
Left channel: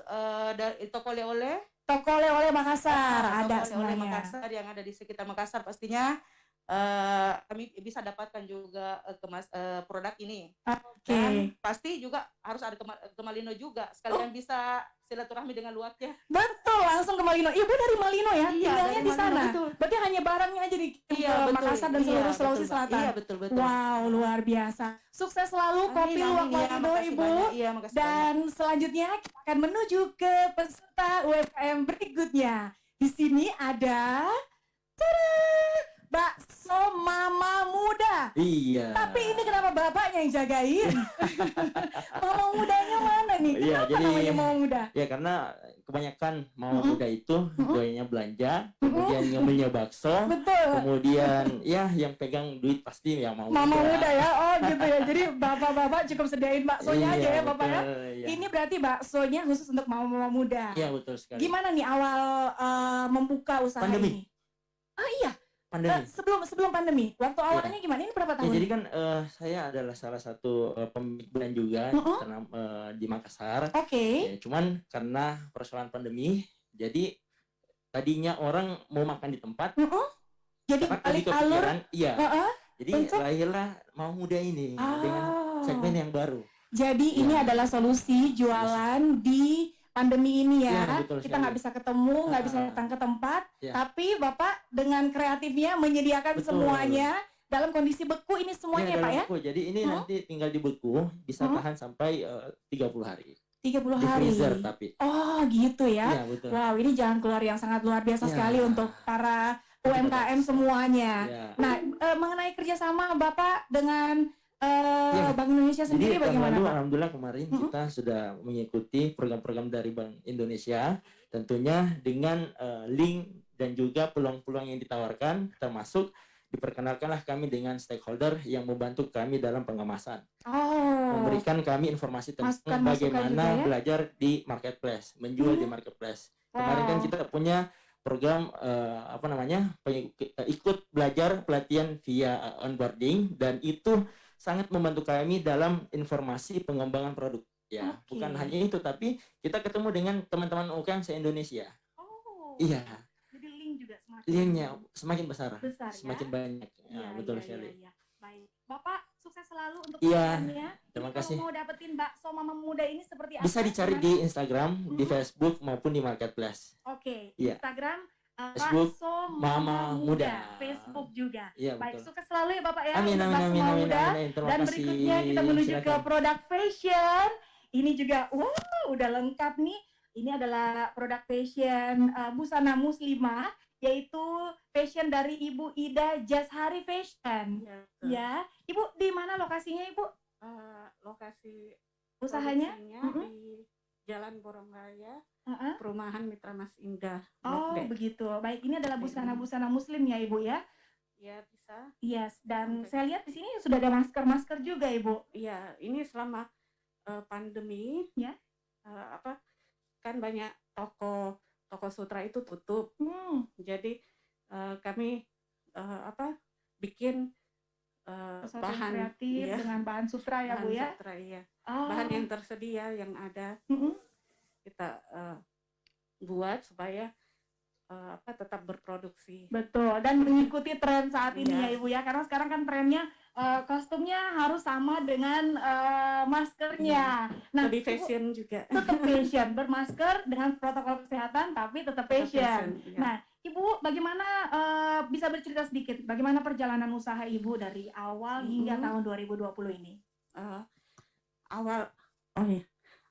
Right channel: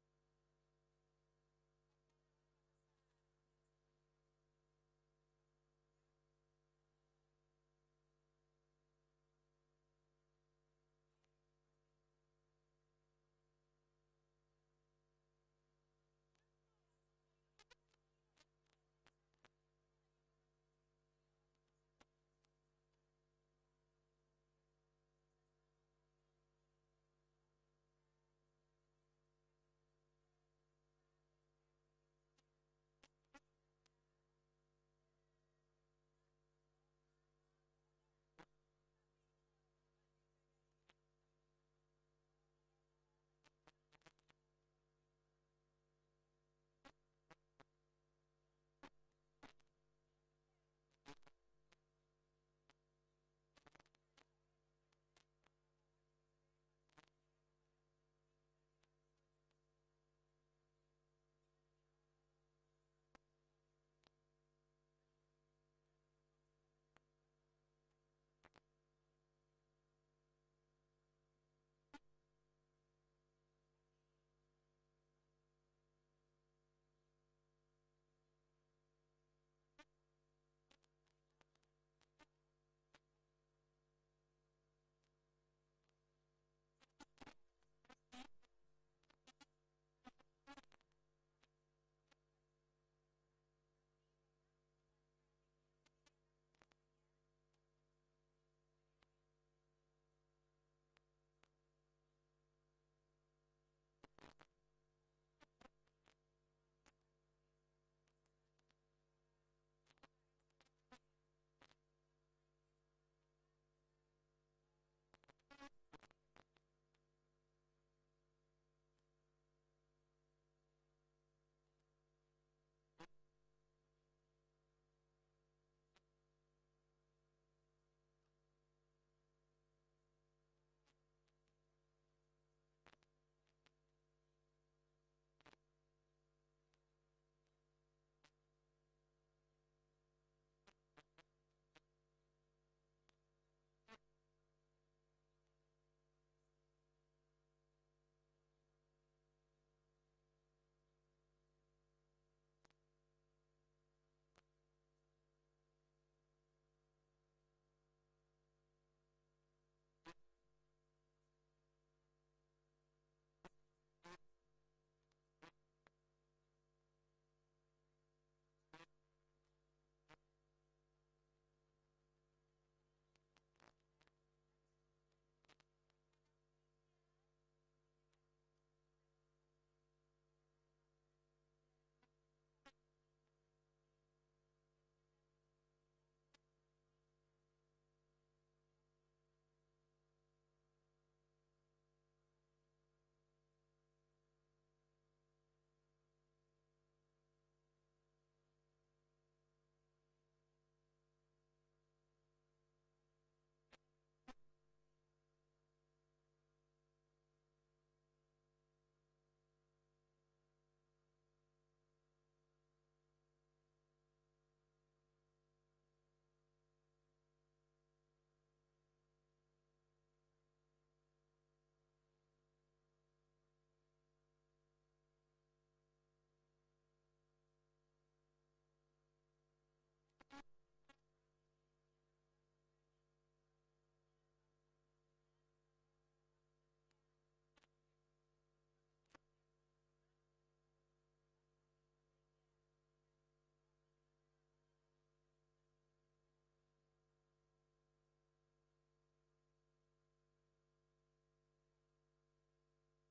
dari toko oleh-oleh. Toko oleh-oleh Makassar ada Toko oleh-oleh semuanya. Makassar yang ada di sekitar Makassar pastinya kami bisa dapatkan juga produk ini. Oke. Dan pasti juga harus ada ke Malino juga sekalian bisa silaturahmi dengan luwaknya. Betul, langsung ke Malino. Ibu dari Malino ya, Iya, tinggalnya dari di Malino, sana. betul. Berarti hanya barangnya aja dikirim Iya, ke betul. Makassar dan Iya, seluruh betul, Sulawesi Mbak. Selatan. Iya, betul. Wow, luar biasa. Sukses selalu kopi Amin, luwak amin, ya, Malino, makasih Ibu. banyak. Iya, makasih Dan selanjutnya kita akan menuju ke peserta UMKM berikutnya. Di sini ada bakso Mama Muda. Iya. Tapi ini kenapa bapaknya yang jagain? Mama mudanya mana nih? Iya, Kenapa jadi namanya Mama Muda? ya karena kebanyakan mama muda itu doyanya belanja, kemudian ngambilnya bakso, Betul. kemudian ya yang pegang duit pasti yang mau Mama muda ya, oh gitu ya. Jadi bapak-bapak cukup sediain baksonya aja ya bapak ya. Iya. Ini berarti baksonya khusus untuk mama-mama muda. Iya, betul sekali. Gimana nih awal membuka usaha Pandemi. ini? Oh iya, Pandemi. sebelum pandemi. Waktu awalnya gimana? Ini berapa Ya, tahun? jadi kan saya adalah salah satu pemilik brand juga di Makassar. Oke. Ya, cuman karena persoalan pandemi, jadi tadinya orang mau makan di tempat, Jadi tapi balik alur. kepikiran, iya. Jadi Untuk? lahirlah Mama Muda ini dengan segmen yang baru. Jadi ini adalah solusi jualan di pandemi ini ya. Iya, betul Kita sekali. nggak bisa ketemu, nggak bisa datang ke tempat, Iya. tapi Bapak dengan kreatifnya menyediakan Betul. semuanya dalam kondisi beku ini semuanya Iya, Pak dalam ya? beku. Jadi ini nanti tinggal di beku, bisa tahan sampai 30 hari. 30 Di hari. freezer tapi. Oh gitu ya. Iya, betul. Wow, ini jalan keluar yang sangat luar biasa Iya. sekali untuk para UMKM semuanya. Iya. Nah, mengenai kerjasama Bapak dengan Iya. Bank Indonesia sendiri Jadi tahun bagaimana lalu Pak? alhamdulillah kemarin kita sudah mengikuti program-program dari Bank Indonesia, tentunya dengan link dan juga peluang-peluang yang ditawarkan, termasuk diperkenalkanlah kami dengan stakeholder yang membantu kami dalam pengemasan, memberikan kami informasi tentang Masukan-masukan bagaimana juga ya? belajar di marketplace, menjual di marketplace. Kemarin kan Wow. kita punya program ikut belajar pelatihan via onboarding, dan itu sangat membantu kami dalam informasi pengembangan produk. Ya, Oke. bukan hanya itu, tapi kita ketemu dengan teman-teman UMKM se-Indonesia. Oh. Iya, Jadi link juga semakin linknya semakin besar, besar semakin ya. banyak. Ya, Iya, betul iya, sekali. iya, iya. Baik. Bapak sukses selalu untuk Iya, usahanya. terima Ini kasih. Kalau mau dapetin bakso Mama Muda ini seperti apa? Bisa dicari Gimana? di Instagram, di Facebook maupun di marketplace. Oke, Iya. Instagram Facebook, bakso Mama Muda. Facebook juga. Iya, Baik, betul. sukses selalu ya Bapak ya. Amin, untuk amin, bakso amin, Mama amin, Muda. amin. Terima Dan kasih. berikutnya kita menuju ke Silakan. produk fashion. Ini juga, wow, udah lengkap nih. Ini adalah produk fashion busana muslimah, yaitu fashion dari Ibu Ida Jashari Fashion. Ya, Ibu di mana lokasinya Ibu? Lokasi Usahanya? produksinya di Jalan Borong Raya, Perumahan Mitra Mas Indah. Oh, Blok D. begitu. Baik, ini adalah busana-busana muslim ya Ibu ya? Ya bisa. Yes, dan saya lihat di sini sudah ada masker-masker juga Ibu. Iya, ini selama pandemi, ya, kan banyak toko sutra itu tutup. Jadi kami bikin Sesuatu yang bahan kreatif dengan bahan sutra ya bahan Bu ya? sutra, iya. Oh. Bahan yang tersedia yang ada kita buat supaya tetap berproduksi. Betul, dan mengikuti tren saat ini Iya. ya Ibu ya, karena sekarang kan trennya kostumnya harus sama dengan maskernya. Nah, Lebih Ibu fashion juga. tetap fashion, bermasker dengan protokol kesehatan tapi tetap fashion. fashion, iya. Nah, Ibu bagaimana bisa bercerita sedikit bagaimana perjalanan usaha Ibu dari awal hingga tahun 2020 ini?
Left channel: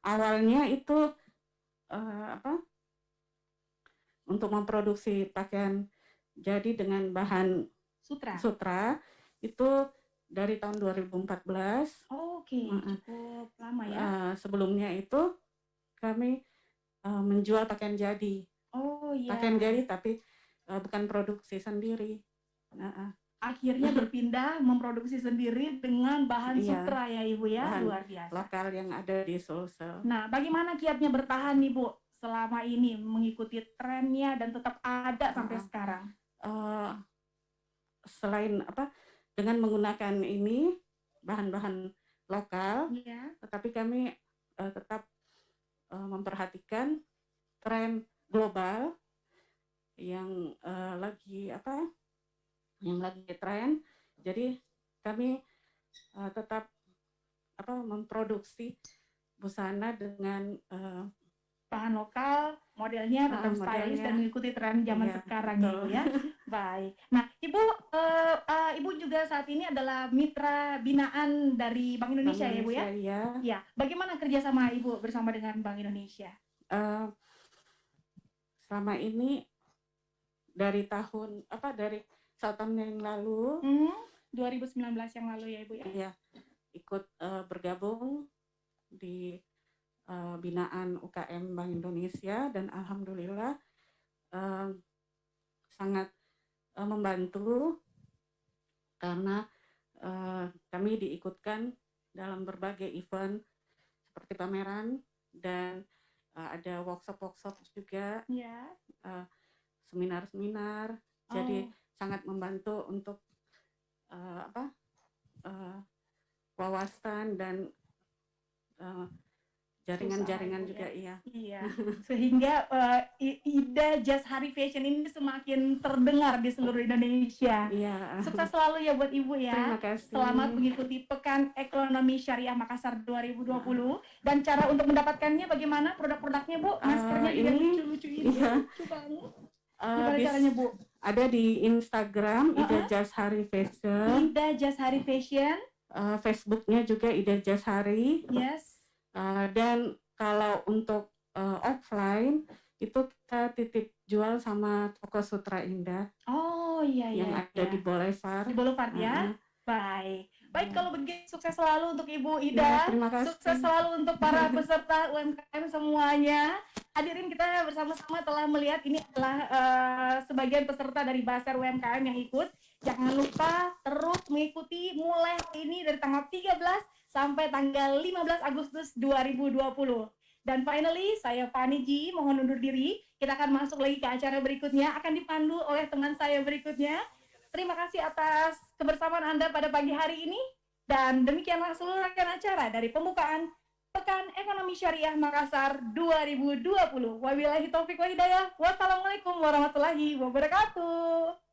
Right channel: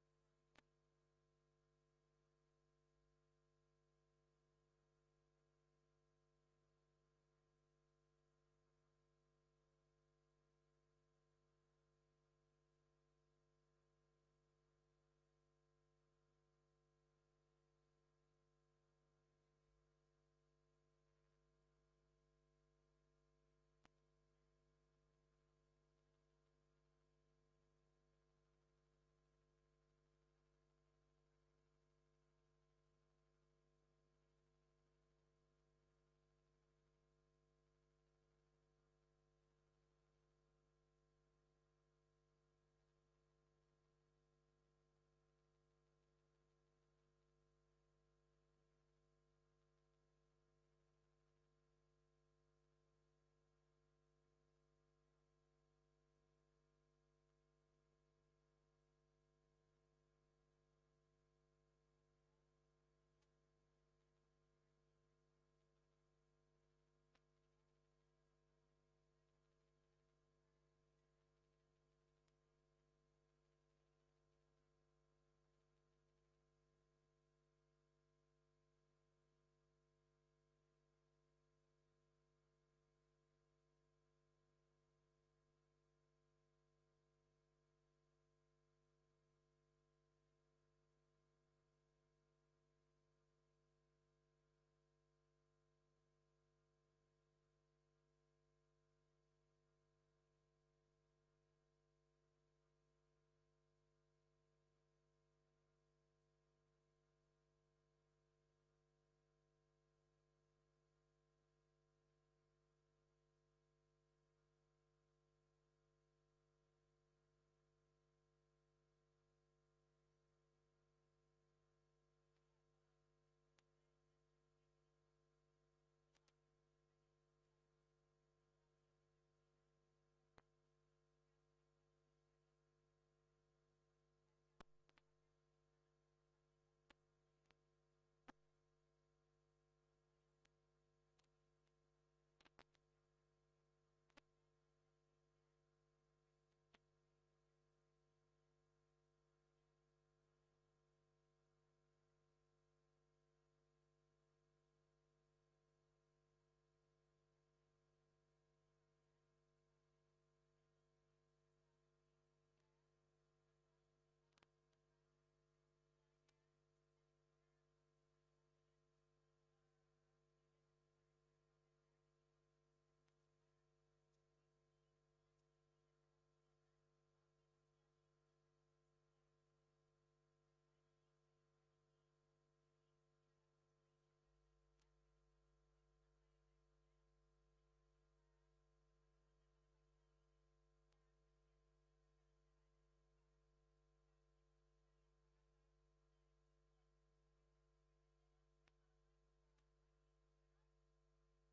Awalnya itu untuk memproduksi pakaian jadi dengan bahan sutra itu dari tahun 2014. Oke, cukup lama ya. Sebelumnya itu kami menjual pakaian jadi. Oh iya. Pakaian jadi tapi bukan produksi sendiri. Akhirnya berpindah memproduksi sendiri dengan bahan Iya, sutra ya Ibu ya, bahan luar biasa. lokal yang ada di Sulsel. Nah, bagaimana kiatnya bertahan nih Bu selama ini mengikuti trennya dan tetap ada sampai sekarang? Selain dengan menggunakan ini bahan-bahan lokal, tetapi kami tetap memperhatikan tren global yang lagi tren. Jadi kami tetap memproduksi busana dengan bahan lokal, modelnya tetap stylish dan mengikuti tren zaman sekarang ya, Bu ya. Baik. Nah, Ibu juga saat ini adalah mitra binaan dari Bank Indonesia ya, Bu ya? Iya. Ya. Bagaimana kerjasama Ibu bersama dengan Bank Indonesia? Selama ini dari satu tahun yang lalu, 2019 yang lalu ya Ibu ya? Iya, ikut bergabung di binaan UKM Bank Indonesia dan alhamdulillah sangat membantu karena kami diikutkan dalam berbagai event seperti pameran dan ada workshop juga, seminar-seminar. Jadi sangat membantu untuk wawasan dan jaringan-jaringan juga, iya. Sehingga Ida Just Hari Fashion ini semakin terdengar di seluruh Indonesia. Iya. Sukses selalu ya buat Ibu ya. Terima kasih. Selamat mengikuti Pekan Ekonomi Syariah Makassar 2020. Dan cara untuk mendapatkannya bagaimana produk-produknya Bu? Maskernya juga lucu-lucu ini. Iya. Lucu banget. Gimana caranya Bu? Ada di Instagram Ida Just Hari Fashion. Ida Just Hari Fashion. Facebooknya juga Ida Just Hari. Yes. Dan kalau untuk offline itu kita titip jual sama toko Sutra Indah. Oh iya yang ada di Boulevard. Di Boulevard ya. Baik. Baik, kalau begitu sukses selalu untuk Ibu Ida. Ya, terima kasih. Sukses selalu untuk para peserta UMKM semuanya. Hadirin, kita bersama-sama telah melihat ini adalah sebagian peserta dari Basar UMKM yang ikut. Jangan lupa terus mengikuti mulai ini dari tanggal 13 sampai tanggal 15 Agustus 2020. Dan finally, saya Fani Ji, mohon undur diri. Kita akan masuk lagi ke acara berikutnya, akan dipandu oleh teman saya berikutnya. Terima kasih atas kebersamaan Anda pada pagi hari ini. Dan demikianlah seluruh rangkaian acara dari pembukaan Pekan Ekonomi Syariah Makassar 2020. Wabillahi taufiq wa hidayah. Wassalamualaikum warahmatullahi wabarakatuh.